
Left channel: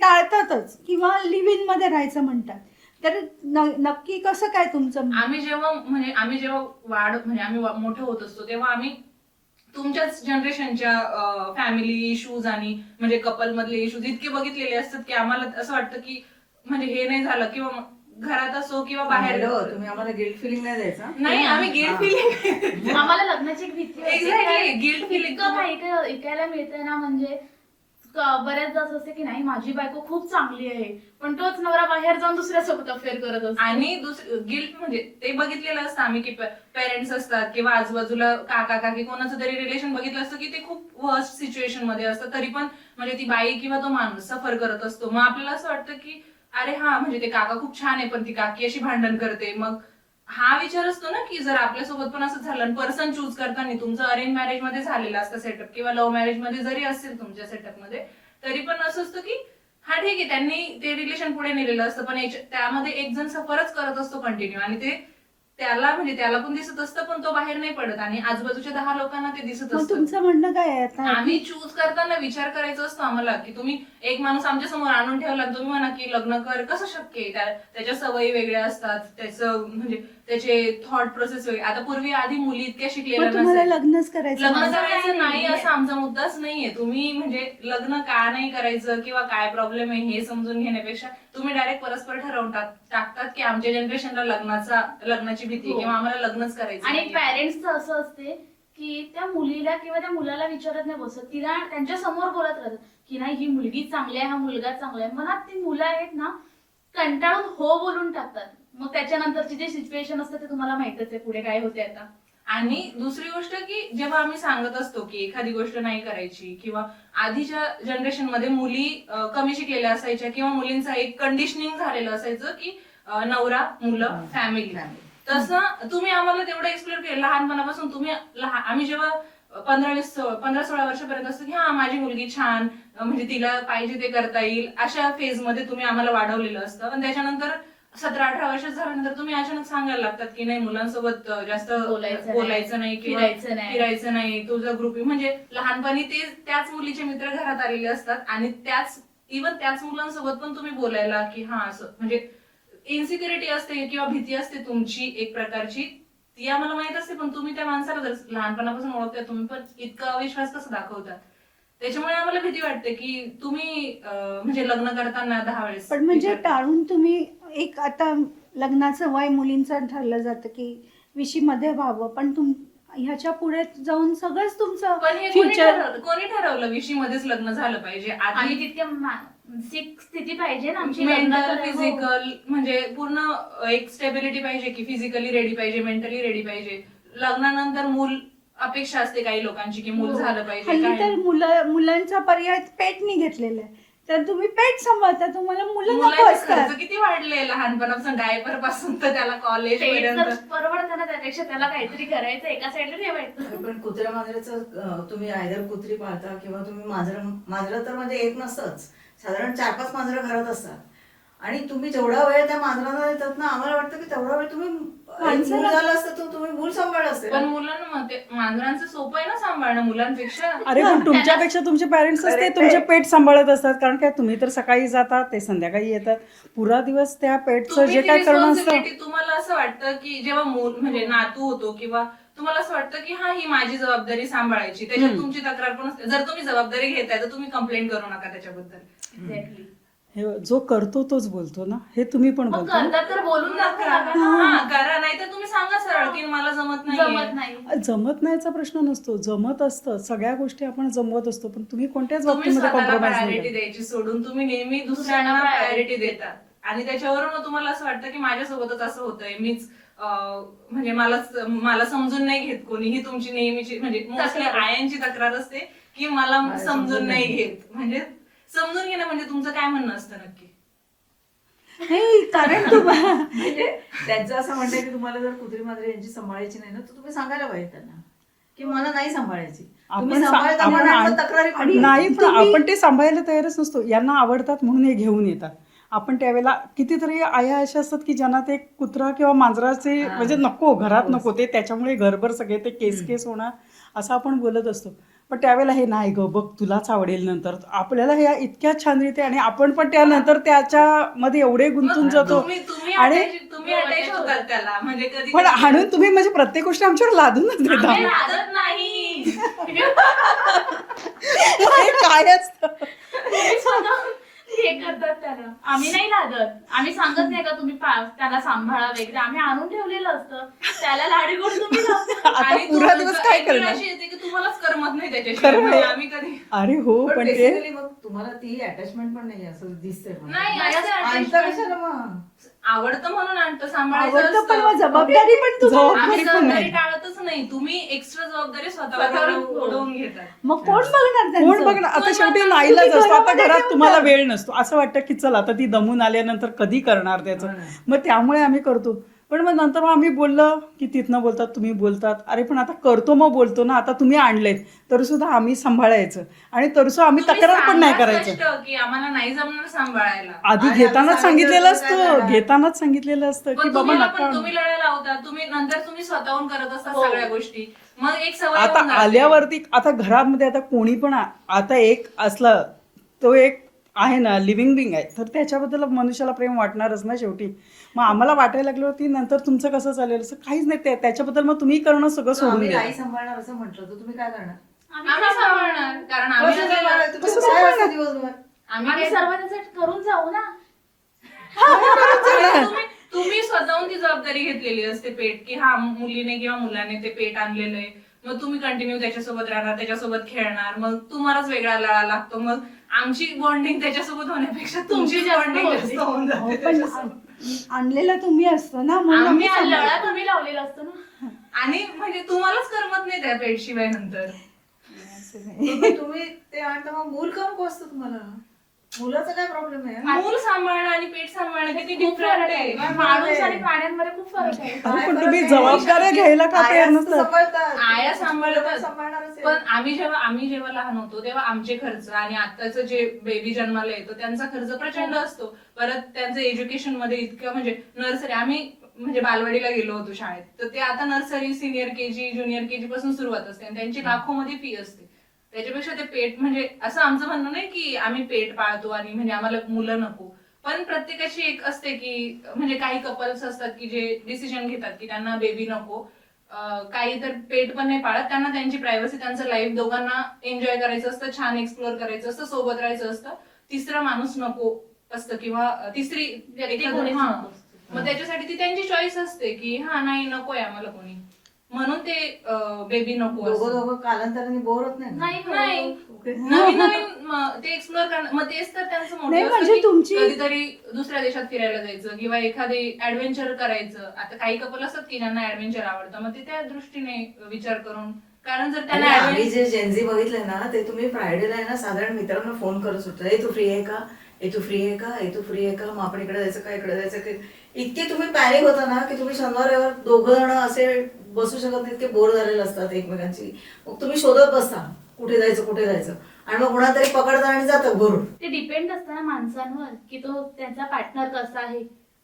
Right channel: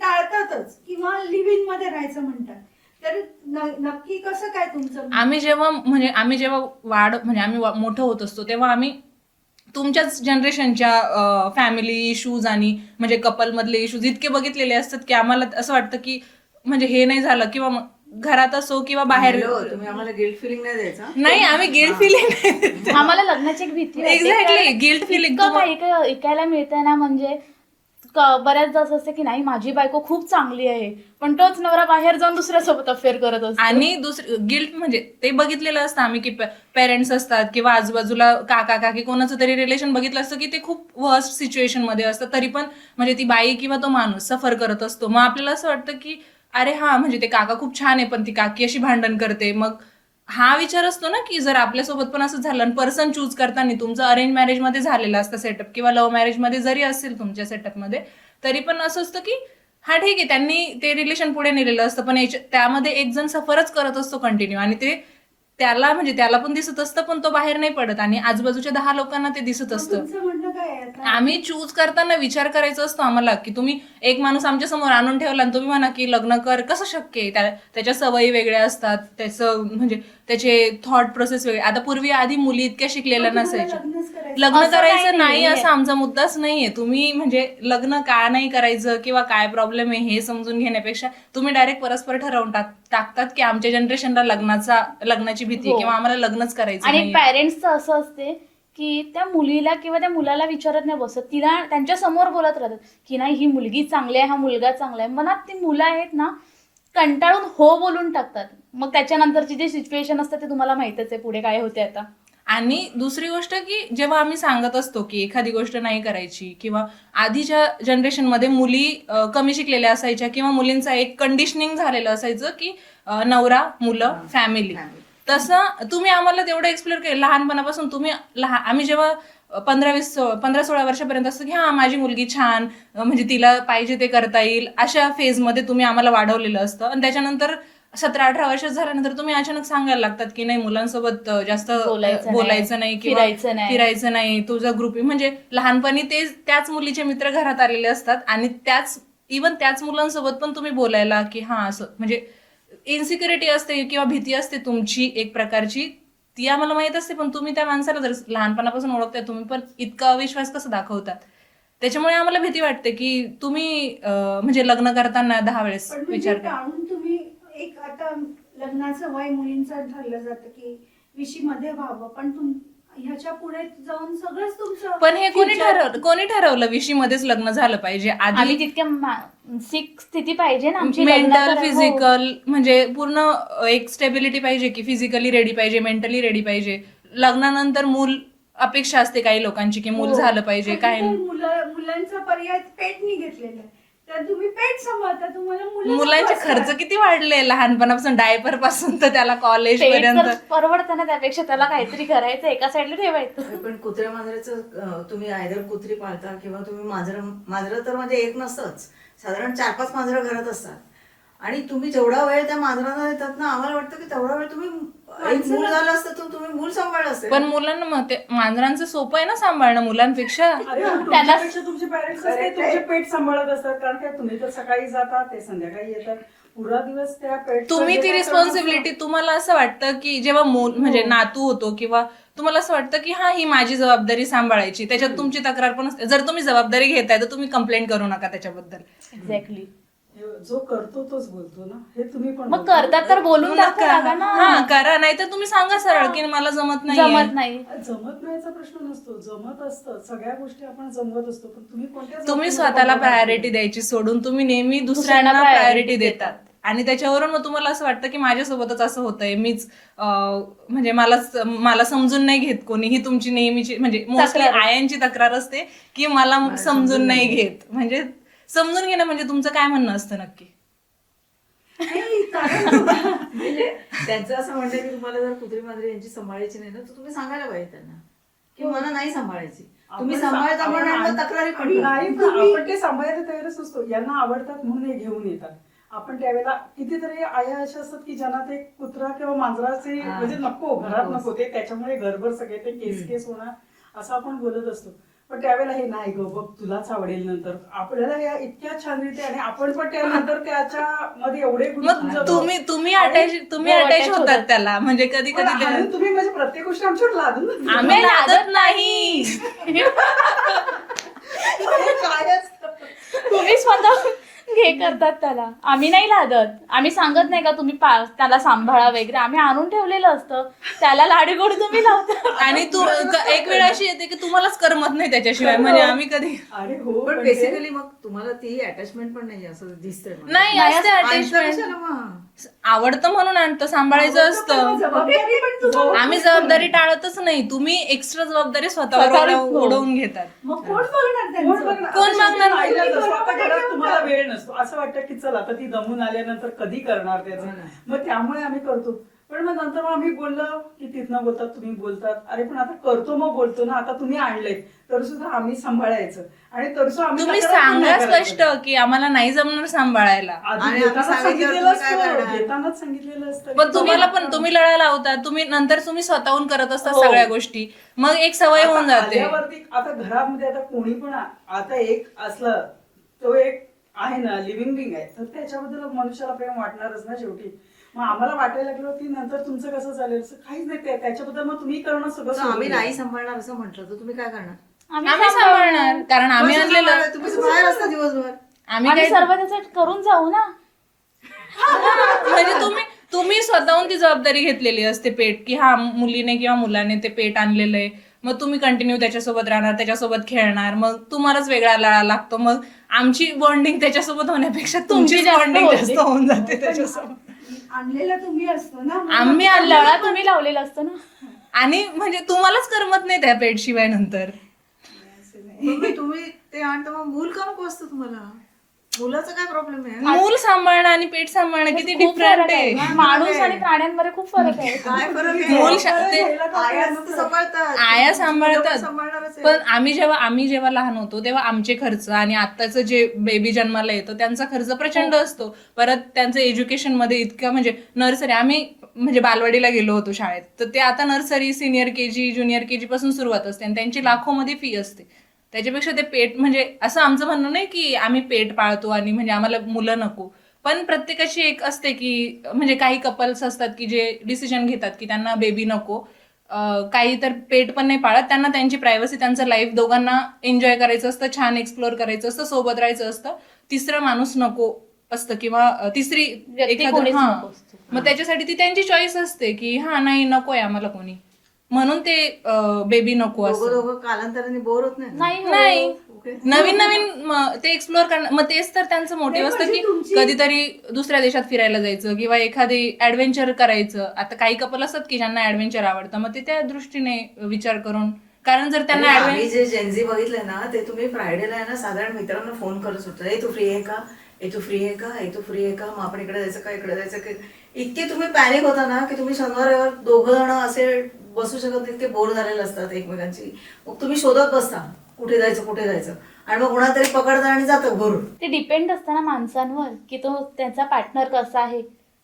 टाळतातच किंवा लिव्ह इन मध्ये राहायचं म्हणतात. तर नक्की कसं काय तुमचं? आम्ही जेव्हा आम्ही मोठं होत असतो तेव्हा आम्ही तुमच्याच जनरेशनच्या फॅमिली इश्यूज आणि म्हणजे कपल मधले इश्यूज इतके बघितलेले असतात की आम्हाला असं वाटतं की म्हणजे हे नाही झालं किंवा घरात असो किंवा बाहेर. हॅलो, तुम्ही आम्हाला गिल्ट फिलिंग नाही द्यायचा. नाही, आम्ही गिल्ट फिलिंग आम्हाला लग्नाची एक भीती वाटते. Exactly, कारण guilt feeling. इतकं काही ऐकायला मिळतंय ना, म्हणजे बऱ्याचदा असं असतं की नाही माझी बायको खूप चांगली आहे, पण तोच नवरा बाहेर जाऊन दुसऱ्यासोबत अफेअर करत असतो. आणि दुसरं गिल्ट म्हणजे ते बघितलेलं असतं आम्ही की पेरेंट्स असतात किंवा आजूबाजूला काका काकी कोणाचं तरी रिलेशन बघितलं असतं की ते खूप वर्स्ट सिच्युएशन मध्ये असतं, तरी पण म्हणजे ती बाई किंवा तो माणूस सफर करत असतो. मग आपल्याला असं वाटतं की अरे हा म्हणजे ते काका खूप छान आहे पण ती काकी अशी भांडण करते. मग हा विचार असतो ना की जर आपल्यासोबत पण असं झालं आणि पर्सन चूज करताना तुमचं अरेंज मॅरेज मध्ये झालेलं असतं सेटअप किंवा लव्ह मॅरेज मध्ये जरी असेल तुमच्या सेटअप मध्ये, तरी पण असं असतं की हा ठीक आहे त्यांनी ते रिलेशन पुढे नेलेलं असतं, पण त्यामध्ये एक जण सफरच करत असतो कंटिन्यू आणि ते त्याला पण दिसत असतं पण तो बाहेर नाही पडत आणि आजूबाजूच्या 10 लोकांना ते दिसत मग असतं. तुमचं म्हणणं काय आहे आता? आम्ही चूज करताना विचार करायचा असतो आम्हाला की तुम्ही एक माणूस आमच्या समोर आणून ठेवला आणि तुम्ही म्हणा की लग्न कर, कसं शक्य आहे? त्याच्या सवयी वेगळ्या असतात, त्याचं म्हणजे त्याचे थॉट प्रोसेस वेगळे. आता पूर्वी आधी मुली इतक्या शिकलेल्या मग तुम्हाला नसायच्या. लग्नच करायचं? लग्न असं काही करायचं नाही नाहीये. असा आमचा मुद्दाच नाहीये. तुम्ही म्हणजे लग्न का नाही करायचं किंवा काय प्रॉब्लेम आहे हे समजून घेण्यापेक्षा तुम्ही डायरेक्ट परस्पर ठरवून टाकतात की आमच्या जनरेशनला लग्नाची भीती हो. किंवा आम्हाला लग्नच करायचं आणि नाही. पॅरेंट्सचं असं असते की त्या मुलीला किंवा त्या मुलाला विचारत नाही बसत, तिला त्यांच्या समोर बोलत राहतात की नाही ही मुलगी चांगली आहे, हा मुलगा चांगला आहे. मनात ती मुलं आहेत ना कंटाळून हो बोलून टाकतात. मग त्याच्यानंतरची जे सिच्युएशन असतं ते तुम्हाला माहितच आहे पुढे काय होते आता. आणि दुसरी गोष्ट की जेव्हा आम्ही सांगत असतो की एखादी गोष्ट नाही करायची किंवा आधीच्या जनरेशनमध्ये मुली कमी शिकलेल्या असायच्या किंवा मुलींचं एक कंडिशनिंग झालेलं असायचं की नवरा मुलं फॅमिली. तसं तुम्ही आम्हाला तेवढं एक्सप्लोर केलं लहानपणापासून. आम्ही जेव्हा 15-16 वर्षापर्यंत असतं की हा माझी मुलगी छान, म्हणजे तिला पाहिजे ते करता येईल अशा फेजमध्ये तुम्ही आम्हाला वाढवलेलं असतं. आणि त्याच्यानंतर 17-18 वर्ष झाल्यानंतर तुम्ही अचानक सांगायला लागतात की नाही मुलांसोबत जास्त बोलायचं नाही किंवा फिरायचं नाही, तुझा ग्रुप. म्हणजे लहानपणी त्याच मुलीचे मित्र घरात आलेले असतात आणि त्याच मुलांसोबत पण तुम्ही बोलायला की हा असं म्हणजे इन्सिक्युरिटी असते किंवा भीती असते तुमची एक प्रकारची, ती आम्हाला माहित असते. पण तुम्ही त्या माणसाला जर लहानपणापासून ओळखताय तुम्ही पण इतका अविश्वास कसं दाखवतात? त्याच्यामुळे आम्हाला भीती वाटते की तुम्ही म्हणजे लग्न करताना 10 वेळेस पण म्हणजे विचार करा. टाळून तुम्ही एक आता लग्नाचं वय मुलींचं ठरलं जातं की 20 मध्ये व्हावं, पण ह्याच्या पुढे जाऊन सगळंच तुमचं पण हे कोणी ठरवलं 20 मध्येच लग्न झालं पाहिजे? आम्ही आधी तितक्या मानसिक स्थिती पाहिजे ना आमची मेंटल लग्नाचं. हो. फिजिकल म्हणजे पूर्ण एक स्टेबिलिटी पाहिजे की फिजिकली रेडी पाहिजे, मेंटली रेडी पाहिजे. लग्नानंतर मूल अपेक्षा असते काही लोकांची की मूल हो. झालं पाहिजे. हल्ली काय तर मुलांचा पर्याय पेटनी घेतलेला आहे, तर तुम्ही पेट सांभाळता, तुम्हाला मुलं नको मुलांचे असतात. खर्च किती वाढले लहानपणापासून, डायपर पासून तर त्याला कॉलेज पेट पर्यंत. तर परवडतं ना, त्यापेक्षा त्याला काहीतरी करायचं, एका साईडला ठेवायचं. पण कुत्र्या मांजराचं तुम्ही आयदर कुत्री पाळता किंवा तुम्ही मांजरं तर म्हणजे एक नसतंच, साधारण 4-5 मांजरं घरात असतात. आणि तुम्ही जेवढा वेळ त्या मांजरांना देतात ना, आम्हाला वाटतं की तेवढा वेळ तुम्ही एक मूल झालं असतं तर तुम्ही मूल सांभाळलं असतं. पण मुलांना मग ते मांजरांचं सोपं आहे ना सांभाळणं मुलांपेक्षा. अरे पण तुमच्यापेक्षा तुमचे पॅरेंट्स असते, Correct तुमचे आहे. पेट सांभाळत असतात. कारण काय तुम्ही तर सकाळी जातात, ते संध्याकाळी येतात, पुरा दिवस त्या पेटचं तुम्ही जे ती काय करणं रिस्पॉन्सिबिलिटी, तुम्हाला असं वाटतं की जेव्हा मूल म्हणजे नातू होतो किंवा तुम्हाला असं वाटतं की हा ही माझी जबाबदारी सांभाळायची, त्याच्यात तुमची तक्रार पण असते. जर तुम्ही जबाबदारी घेताय तर तुम्ही कंप्लेंट करू नका त्याच्याबद्दल. एक्झॅक्टली. हे जो करतो तोच बोलतो ना, हे तुम्ही पण मग बोलता. करतात तर बोलून दाखवा ना. हा करा, नाही तर तुम्ही सांगा सरळ की मला जमत नाही. जमत नाही. जमत नाहीचा प्रश्न नसतो, जमत असतं. सगळ्या गोष्टी आपण जमवत असतो, पण तुम्ही कोणत्या तुम्ही गोष्टीमध्ये स्वतःला compromise प्रायोरिटी नाही द्यायची सोडून तुम्ही नेहमी दुसऱ्यांना दुसऱ्यांना priority प्रायोरिटी देतात. आणि त्याच्यावरून मग तुम्हाला असं वाटतं की माझ्यासोबतच असं होतंय, मीच म्हणजे मला समजून नाही घेत कोणी. ही तुमची नेहमीची म्हणजे मोस्टली तक्रार. आयांची तक्रार असते की मला समजून नाही घेत. म्हणजे समजून घेणं म्हणजे तुमचं काय म्हणणं असतं नक्की? हे कारण म्हणजे त्यांचं असं म्हणणं आहे की तुम्हाला जर कुत्री मांजरी यांची सांभाळायची नाही ना, तर तुम्ही सांगायला पाहिजे त्यांना की मला नाही सांभाळायची. तुम्ही आपण सांभाळता आपण म्हणून आण- तक्रारी पण आणि नाही, करता. पण आपण ते सांभाळायला तयारच नसतो. यांना आवडतात म्हणून हे घेऊन येतात. आपण त्यावेळेला कितीतरी आया अशा असतात की ज्यांना ते कुत्रा किंवा मांजराचे हा. म्हणजे नको, घरात नकोच. नको ते, त्याच्यामुळे घरभर सगळे ते केस होणार असं आपण बोलत असतो. पण त्यावेळेला हे नाही ग, बघ तुलाच आवडेल नंतर. आपल्याला हे इतक्या छान रीते, आणि आपण पण त्यानंतर त्याच्यामध्ये एवढे गुंतून मग जातो. तुम्ही आणि- अटॅच होतात त्याला. म्हणजे कधी पण कधी हाणून तुम्ही म्हणजे प्रत्येक गोष्ट आमच्यावर लादूनच देता. आम्ही लादत नाही. हे काय असतं? तुम्ही स्वतः हे करतात त्याला, आम्ही नाही लादत. आम्ही सांगत नाही का तुम्ही त्याला सांभाळा वगैरे, आम्ही आणून ठेवलेलं असतं. त्याला लाडीगोडी तुम्ही लावता. आणि तू पुरा दिवस काय एक वेळ अशी येते की तुम्हालाच करमत नाही त्याच्याशिवाय. खरं. म्हणजे आम्ही कधी अरे हो, पण पण ते बेसिकली मग तुम्हाला ती अटॅचमेंट पण नाही असं दिसतंय मला. नाही नाही, असते आणता attachment. कशाला मग? आवडतं म्हणून आणतं, सांभाळायचं आवडतं, पण मग असतं. जबाबदारी पण तुम्हाला. आम्ही जबाबदारी टाळतच नाही. तुम्ही एक्स्ट्रा जबाबदारी स्वतःवर स्वतःवर उडवून घेतात. मग कोण बघणार त्यांचं? कोण बघणार? आता कोण शेवटी बघणार? नाईलाज तुम्ही असतो. आता घरामध्ये घरात घेऊन तुम्हाला जा. वेळ नसतो, असं वाटतं की चल आता ती दमून आल्यानंतर कधी करणार त्याचं. हो ना. मग त्यामुळे आम्ही करतो. पण मग नंतर मग आम्ही बोललं की तिथनं बोलतात, तुम्ही बोलतात. अरे पण आता करतो, मग बोलतो ना. आता तुम्ही आणलेत तरी सुद्धा आम्ही सांभाळायचं, आणि तरी सुद्धा आम्ही तुम्ही तक्रार पण नाही सांगा करायचं. स्पष्ट की आम्हाला नाही जमणार सांभाळायला. आधी आणि घेतानाच आम्ही सांगितलेलं सांगितलं तर काय असतं, करणार? घेतानाच सांगितलेलं असतं पण की तुम्हाला बाबा, पण तुम्ही लढायला लावता. तुम्ही नंतर तुम्ही स्वतःहून करत असता हो. सगळ्या गोष्टी. मग एक सवय होऊन आता जाते. आल्यावरती आता घरामध्ये आता कोणी पण आता एक असला, तो एक आहे ना लिव्हिंग बिंग आहे, तर त्याच्याबद्दल मनुष्याला प्रेम वाटणारच ना शेवटी. मग आम्हाला वाटायला लागलं होती नंतर तुमचं कसं चालेल, असं काहीच नाही. त्याच्याबद्दल मग तुम्ही करणं सगळं तर सोडून आम्ही द्या. नाही सांभाळणार असं म्हटलं तर तुम्ही काय करणार? आम्ही सांभाळणार, कारण आम्ही कसं आणलेलं. सांभाळणार? तुम्ही बाहेर असता दिवसभर. आम्ही आम्ही काय सर्व त्याचं करून जाऊ ना. म्हणजे तुम्ही स्वतःहून ती जबाबदारी घेतलेली असते पेट, की हा मुलीने किंवा मुलाने ते पेट आणलेलं आहे. मग तुम्ही कंटिन्यू त्याच्यासोबत राहणार, त्याच्यासोबत खेळणार. मग तुम्हालाच वेगळा लळा लागतो. मग आमची बॉन्डिंग त्याच्यासोबत होण्यापेक्षा तुमची जास्त बॉन्डिंग होते. जास्त होऊन जाते पण त्याच्यासोबत. आणलेला तुम्ही असतो ना, मग आम्ही लळा तुम्ही लावलेला असतो ना. आणि म्हणजे तुम्हालाच करमत नाही त्या पेट शिवाय नंतर. तुम्ही ते आणता, मग मूल का नको असतं तुम्हाला? मुलाचा काय प्रॉब्लेम आहे? मूल सांभाळणं आणि पेट सांभाळणं किती खूप डिफरंट फरक आहे. आहे. माणूस आणि प्राण्यांमध्ये खूप फरक आहे. काय पण फरक तुम्ही आहे? जबाबदाऱ्या घ्यायला का आया तयार असतं नसतात? सांभाळतात. आया सांभाळतात. सांभाळणारच आहे. पण आम्ही जेव्हा लहान होतो तेव्हा आमचे खर्च आणि आत्ताचं जे बेबी जन्माला येतो त्यांचा खर्च प्रचंड असतो. परत त्यांचं एज्युकेशन मध्ये इतकं म्हणजे नर्सरी, आम्ही म्हणजे बालवाडीला गेलो होतो शाळेत, तर ते आता nursery, senior KG, junior KG पासून सुरुवात असते आणि त्यांची लाखोमध्ये फी असते. त्याच्यापेक्षा ते पेट म्हणजे असं आमचं म्हणणं नाही की आम्ही पेट पाळतो आणि म्हणजे आम्हाला मुलं नको. पण प्रत्येकाची एक असते की म्हणजे काही कपल्स असतात की जे डिसिजन घेतात की त्यांना बेबी नको. काही तर पेट पण नाही पाळत. त्यांना त्यांची प्रायव्हसी, त्यांचं लाईफ दोघांना एन्जॉय करायचं असतं, छान एक्सप्लोअर करायचं असतं, सोबत राहायचं असतं. तिसरा माणूस नको असतं किंवा तिसरी व्यक्ती एखादं कोणीच हा नको असतं. मग त्याच्यासाठी ती त्यांची चॉईस असते की हा नाही नकोय आम्हाला कोणी, म्हणून ते बेबी नको दोघं असं. दोघं कालांतराने बोर होत नाही ना? नाही नाही ओके. नवीन नवीन ते एक्सप्लोअर करणं, मग तेच तर त्यांचं नाही, मोटिव्ह असतं म्हणजे की तुमची- कधीतरी दुसऱ्या देशात फिरायला जायचं किंवा एखादी ऍडव्हेंचर करायचं. आता काही कपल असतात की ज्यांना ऍडव्हेंचर आवडतं, मग ते त्या दृष्टीने विचार करून, कारण जर त्यांना आणि आम्ही adventure- जे जेनझी बघितलंय ना ते तुम्ही फ्रायडेला आहे ना साधारण मित्रांना फोन करत होता, ए तू फ्री आहे का, ए तू फ्री आहे का, ए तू फ्री आहे का, मग आपण इकडे जायचं का, इकडे जायचं का. इतके तुम्ही पॅनिक होता ना की तुम्ही शनिवार रविवार दोघं जण असे बसू शकत नाही, इतके बोर झालेले असतात एकमेकांची. मग तुम्ही शोधत बसता कुठे जायचं कुठे जायचं, आणि मग कोणातरी पकडता आणि जातं भरून. ते डिपेंड असतं ना माणसांवर की तो त्यांचा पार्टनर कसा आहे.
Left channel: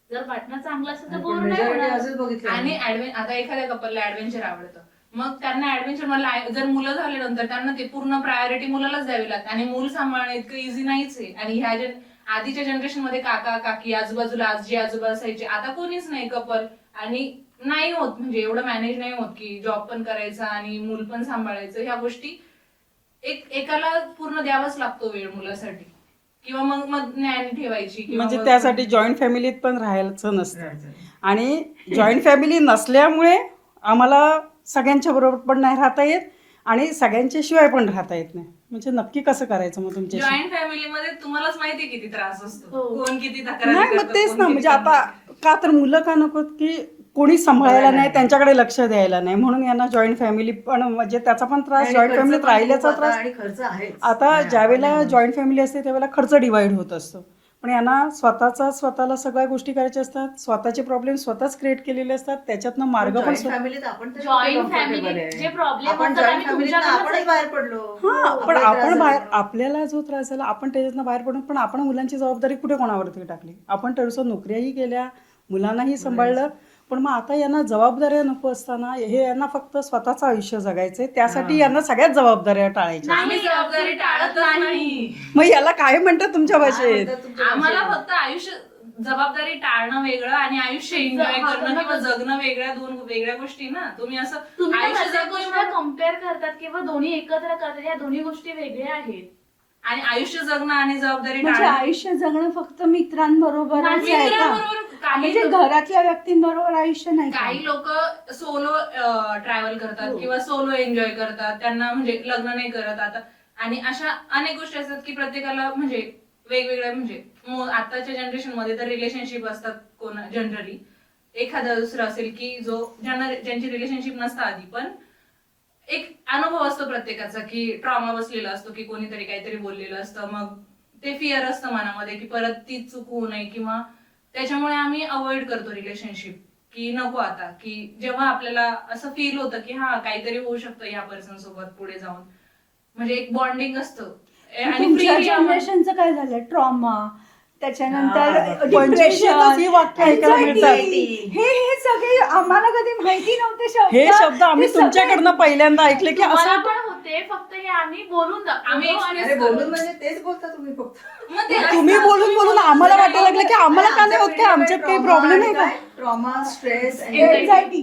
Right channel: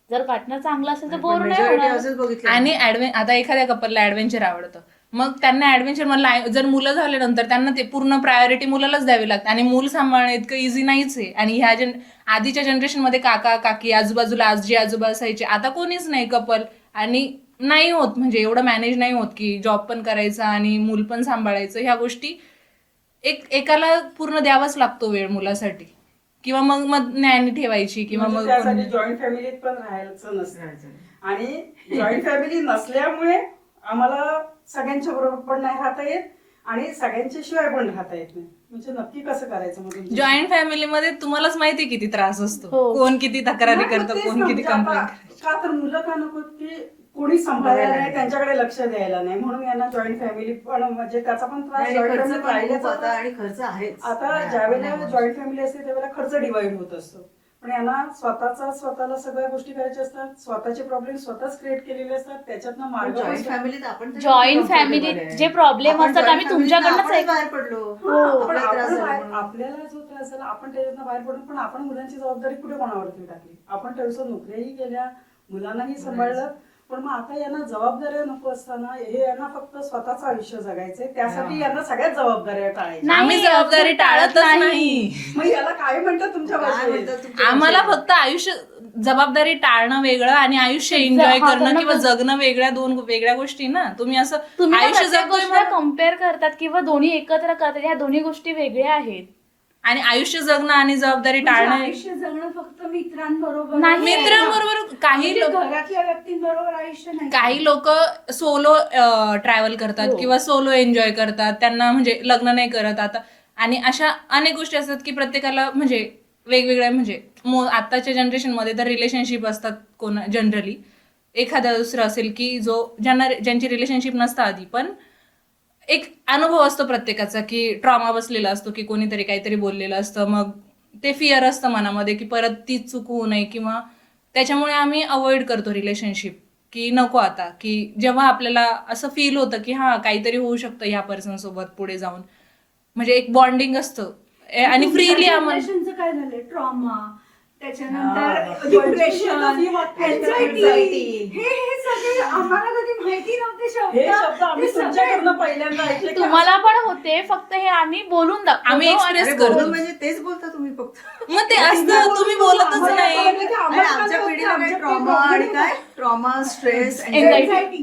जर पार्टनर चांगला असेल तर बोर नाही Majority होणार. असंच बघितलं आणि आता एखाद्या कपलला ऍडव्हेंचर आवडतं, मग त्यांना ऍडव्हेंचर मधलं जर मुलं झाले नंतर त्यांना ते पूर्ण प्रायोरिटी मुलालाच द्यावी लागते, आणि मूल सांभाळणं इतकं इझी नाहीच आहे. आणि ह्या आधीच्या जनरेशन मध्ये काका काकी आजूबाजूला आजी आजोबा असायचे, आता कोणीच नाही कपल, आणि नाही होत म्हणजे एवढं मॅनेज नाही होत की जॉब पण करायचा आणि मूल पण सांभाळायचं. ह्या गोष्टी एकाला पूर्ण द्यावाच लागतो वेळ मुलासाठी, किंवा मग ज्ञान ठेवायची किंवा म्हणजे मग त्यासाठी जॉईंट फॅमिलीत पण राहायचं नसतं. आणि जॉईंट फॅमिली नसल्यामुळे आम्हाला सगळ्यांच्या बरोबर पण नाही राहता येत आणि सगळ्यांच्या शिवाय पण राहता येत नाही. म्हणजे नक्की कसं करायचं मग तुमच्या जॉईंट फॅमिलीमध्ये तुम्हालाच माहिती किती त्रास असतो, हो. कोण किती तक्रारी नाही, मग करतं, तेच कोण ना, किती म्हणजे आता complaint. का तर मुलं का नको की कोणी सांभाळायला बरोबर नाही, आहे. त्यांच्याकडे लक्ष द्यायला नाही, म्हणून यांना जॉईंट फॅमिली पण म्हणजे त्याचा पण त्रास, जॉईंट फॅमिलीत राहिल्याचा त्रास. आणि खर्च आहे आता ज्या वेळेला जॉईंट फॅमिली असते त्यावेळेला खर्च डिवाइड होत असतो, पण यांना स्वतःला सगळ्या गोष्टी करायच्या असतात, स्वतःचे प्रॉब्लेम स्वतःच क्रिएट केलेले असतात, त्याच्यातनं मार्ग पण फॅमिलीत आपण तरी Joint comfortable family आहे. जे problem आपण असतात joint आम्ही family तनं तुमच्याकडनंच आपणच बाहेर पडलो. हा, पण आपल्याला त्रास आपण झाला बाहेर म्हणून. आपल्याला जो त्रास झाला आपण त्याच्यातनं बाहेर पडून, पण आपण मुलांची जबाबदारी कुठे कोणावरती टाकली. आपण थोडंसं नोकऱ्याही केल्या, मुलांनाही सांभाळलं, पण मग आता यांना जबाबदाऱ्या नको असताना हे यांना फक्त स्वतःचं आयुष्य जगायचंय, त्यासाठी यांना सगळ्यात जबाबदाऱ्या टाळायच्या. नाही, आम्ही जबाबदारी टाळतच नाही. मग याला काय म्हणतात तुमच्या काय भाषेत? म्हणतात तुमच्या आम्हाला भाषेत? फक्त आयुष्य जबाबदारी टाळणं वेगळं आणि आयुष्य एन्जॉय हा, करणं त्यांना किंवा पण- जगणं वेगळ्या, दोन वेगळ्या गोष्टी ना. तुम्ही असं तुम्ही आयुष्य प्रत्येक जगतोय गोष्ट म्हणून- कम्पेअर करतात किंवा दोन्ही एकत्र करतात, या दोन्ही गोष्टी वेगळ्या आहेत. आणि आयुष्य जगणं आणि जबाबदारी म्हणजे टाळणं. आयुष्य जगणं फक्त मित्रांबरोबर नाही, आहे का? मित्रांबरोबर काही म्हणजे घरातल्या व्यक्तींबरोबर आयुष्य नाही. काही लोक सोलो ट्रॅव्हल करतात हो. किंवा सोलो एन्जॉय करतात, त्यांना म्हणजे लग्न नाही करत आता. आणि अशा अनेक गोष्टी असतात की प्रत्येकाला म्हणजे वेगवेगळ्या, म्हणजे आताच्या जनरेशन मध्ये तर रिलेशनशिप असतात कोण जनरली, एखादा दुसरं असेल की ज्यांची रिलेशनशिप नसतं आधी, पण एक अनुभव असतो प्रत्येकाचा की ट्रॉमा बसलेला असतो की कोणीतरी काहीतरी बोललेलं असतं, मग ते फिअर असतं मनामध्ये की परत तीच चूक होऊ नये, किंवा त्याच्यामुळे आम्ही अवॉइड करतो रिलेशनशिप की नको आता, की जेव्हा आपल्याला असं फील होतं की हा काहीतरी होऊ शकतं ह्या पर्सन सोबत पुढे जाऊन, म्हणजे एक बॉन्डिंग असतं. आणि फ्रीली जनरेशनचं काय झालं, ट्रॉमा, त्याच्यानंतर हा, पंचवीसशेतच ही वाक्य ऐकायला मिळतात. हे सगळे आम्हाला कधी माहिती नव्हते हे शब्द आम्ही ते सगळे- तुमच्याकडनं पहिल्यांदा ऐकले की तुम्हाला असं- पण होते, फक्त हे आम्ही बोलून दाखवतो. आम्ही आणि- express अरे करतो. बोलून म्हणजे तेच बोलता तुम्ही फक्त. मग ते तुम्ही असतं, बोलून तुम्ही बोलून बोलतच आम्हाला नाही. वाटायला लागलं की आम्हाला आणि का आमच्या नाही होत, पिढीला आमच्यात काही trauma प्रॉब्लेम आणि आहे काय? Trauma, stress, Anxiety.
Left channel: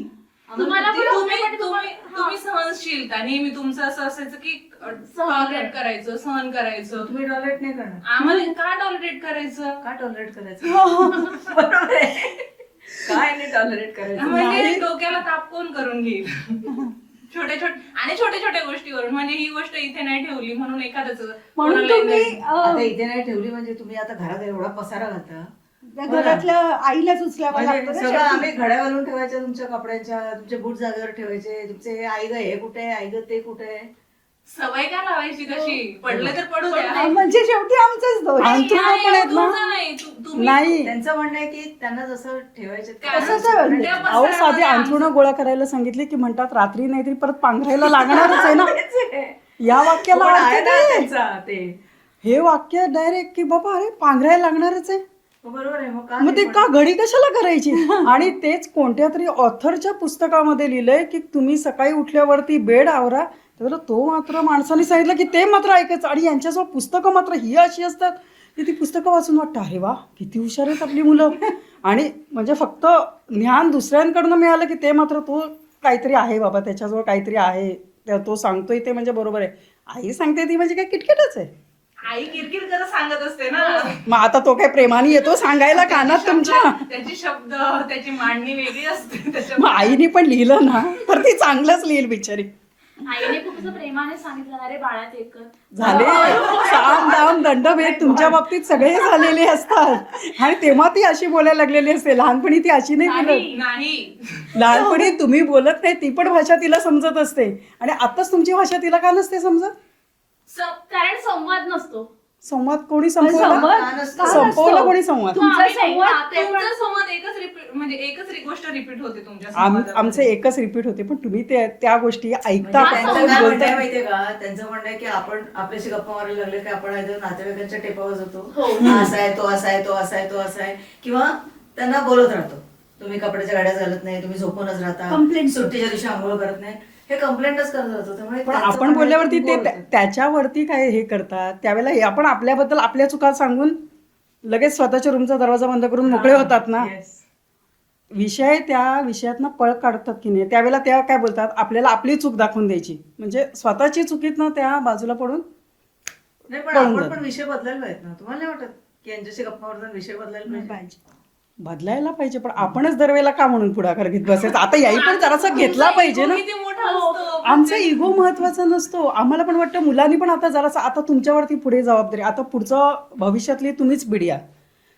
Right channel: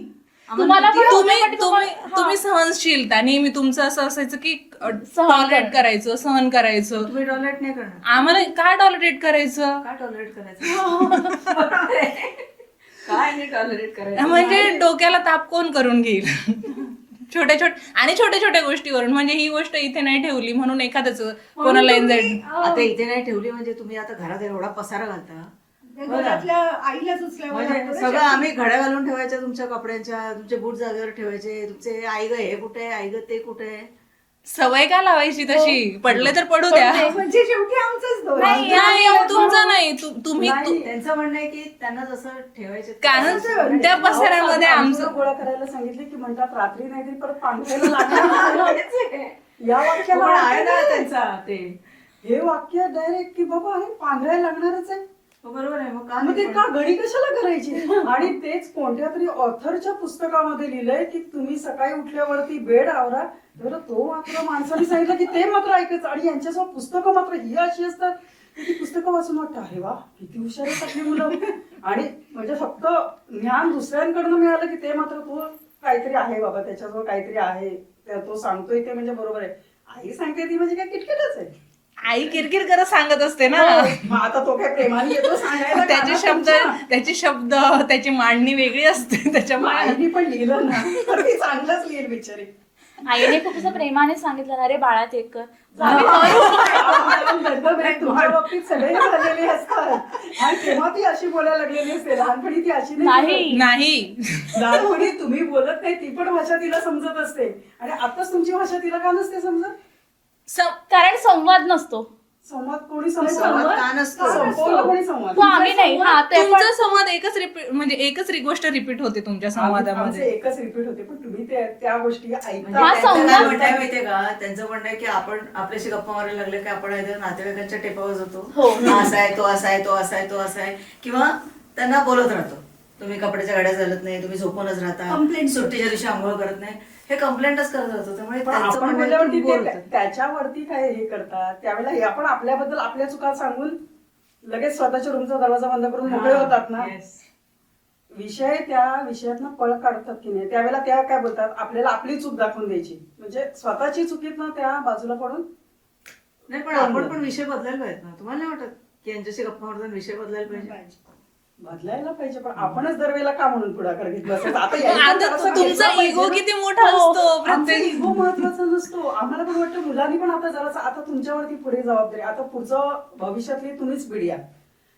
तुम्हाला पण तुम्ही होते, पण तुम्ही तुम्हाला- तुम्ही सहनशीलता नेहमी तुमचं असं असायचं की सहन टॉलरेट करायचं, सहन करायचं. तुम्ही टॉलरेट नाही करणार. आम्हाला का टॉलरेट करायचं? का टॉलरेट करायचं? बरोबर आहे. काय नाही टॉलरेट करायचं. म्हणजे डोक्याला ताप कोण करून घेईल? छोट्या छोट्या गोष्टीवरून, म्हणजे ही गोष्ट इथे नाही ठेवली म्हणून एखाद्याच म्हणून कोणाला तुम्ही, anxiety. आता इथे नाही ठेवली म्हणजे तुम्ही आता घरात एवढा पसारा घालता. घरातल्या आईलाच उचलावं म्हणजे लागतं ना सगळं शेवटी. आम्ही घड्या घालून ठेवायच्या तुमच्या कपड्यांच्या, तुमचे बूट जागेवर ठेवायचे, तुमचे आई ग हे कुठे, आई ग ते कुठे. सवय का लावायची तशी? पडले तर पडू द्या. नाही, म्हणजे शेवटी आमचंच दोष. नाही, तुमचं नाही. तुम्ही नाही. त्यांचं म्हणणं आहे की त्यांना जसं ठेवायचे कारण तसंच त्या अहो, साधी पसऱ्यामध्ये अंथरुणं आमचं गोळा करायला सांगितले की म्हणतात रात्री नाहीतरी परत पांघरायला लागणारच आहे ना. या वाक्याला पण अर्थ आहे ना काय? त्यांचा ते. हे वाक्य डायरेक्ट की बाबा अरे पांघरायला लागणारच आहे, बरोबर आहे. मग का मग ते नाही का घडी कशाला करायची? आणि तेच कोणत्या तरी ऑथरच्या पुस्तकामध्ये लिहिलंय की तुम्ही सकाळी उठल्यावरती बेड आवरा, तर तो मात्र माणसाने सांगितलं की ते मात्र ऐकायचं. आणि यांच्यासमोर पुस्तकं मात्र ही अशी असतात की ती पुस्तकं वाचून वाटतं अरे वा किती हुशार आहेत आपली मुलं. आणि म्हणजे फक्त ज्ञान दुसऱ्यांकडनं मिळालं की ते मात्र तो काहीतरी आहे बाबा, त्याच्याजवळ काहीतरी आहे, तो सांगतोय ते म्हणजे बरोबर आहे. आई सांगते ती म्हणजे काय किटकिटच आहे. आई किरकिर करत सांगत असते ना. मग आता तो काय प्रेमाने येतो सांगायला कानात तुमच्या? त्याची शब्द त्याची मांडणी वेगळी असते मग त्याच्यामुळे. आईने पण लिहिलं ना तर ती चांगलंच लिहिल बिचारी. आईने खूप असं प्रेमाने सांगितलं ना रे बाळा ते कर. झाले काम दाम दंडभेद तुमच्या बाबतीत सगळे झालेले असतात आणि तेव्हा ती अशी बोलायला लागलेली असते. लहानपणी ती अशी नाही बोलत. नाही. नाही लहानपणी तुम्ही बोलत नाही ती पण भाषा तिला समजत असते आणि आताच तुमची भाषा तिला का नसते समजत? कारण संवाद नसतो. संवाद कोणी संपवला? संवाद नसतो. संपवला कोणी संवाद? तो आम्ही नाही हा, ते पण तुमचा संवाद एकच रिपीट म्हणजे एकच गोष्ट रिपीट होते तुमच्या आमचे संवादामध्ये. एकच रिपीट होते पण तुम्ही त्या गोष्टी ऐकता. हा, त्यांचं संवाद काय म्हणणं आहे होता. माहितीये का, त्यांचं म्हणणं आहे की आपण आपल्याशी गप्पा मारायला लागले की आपण either नातेवाईकांच्या टेपावर जातो, हो. हा असा आहे, तो असा आहे, तो असा आहे, तो असा आहे, किंवा त्यांना बोलत राहतो, तुम्ही कपड्याच्या गाड्या घालत नाही, तुम्ही झोपूनच राहता, Complaint. सुट्टीच्या दिवशी आंघोळ करत नाही, हे कंप्लेंटच करत राहतो. त्यामुळे पण त्यांचं आपण म्हणणं आहे बोलल्यावरती की ते बोलतात. त्याच्यावरती काय हे करतात त्यावेळेला हे आपण आपल्याबद्दल आपल्या चुका सांगून लगेच स्वतःच्या रूमचा दरवाजा बंद करून मोकळे होतात ना. Yes. विषय त्या विषयातनं पळ काढतात की नाही त्यावेळेला त्या काय बोलतात आपल्याला आपली चूक दाखवून द्यायची म्हणजे स्वतःची चुकीतनं त्या बाजूला पडून नाही पण पळून आपण जातात. पण विषय बदलायला पाहिजेत ना. तुम्हाला नाही वाटत की यांच्याशी गप्पा मारताना विषय बदलायला पाहिजे? बदलायला पाहिजे पण आपणच दरवेळेला का म्हणून पुढाकार घेत बसायचं? आता याही पण आता जरासा तुमचा घेतला पाहिजे ego ना. किती मोठा हो. असतो. आमचा इगो महत्वाचा नसतो. आम्हाला पण वाटतं मुलांनी पण आता जरासा आता तुमच्यावरती पुढे जबाबदारी आता पुढचं भविष्यातली तुम्हीच पिढी आहे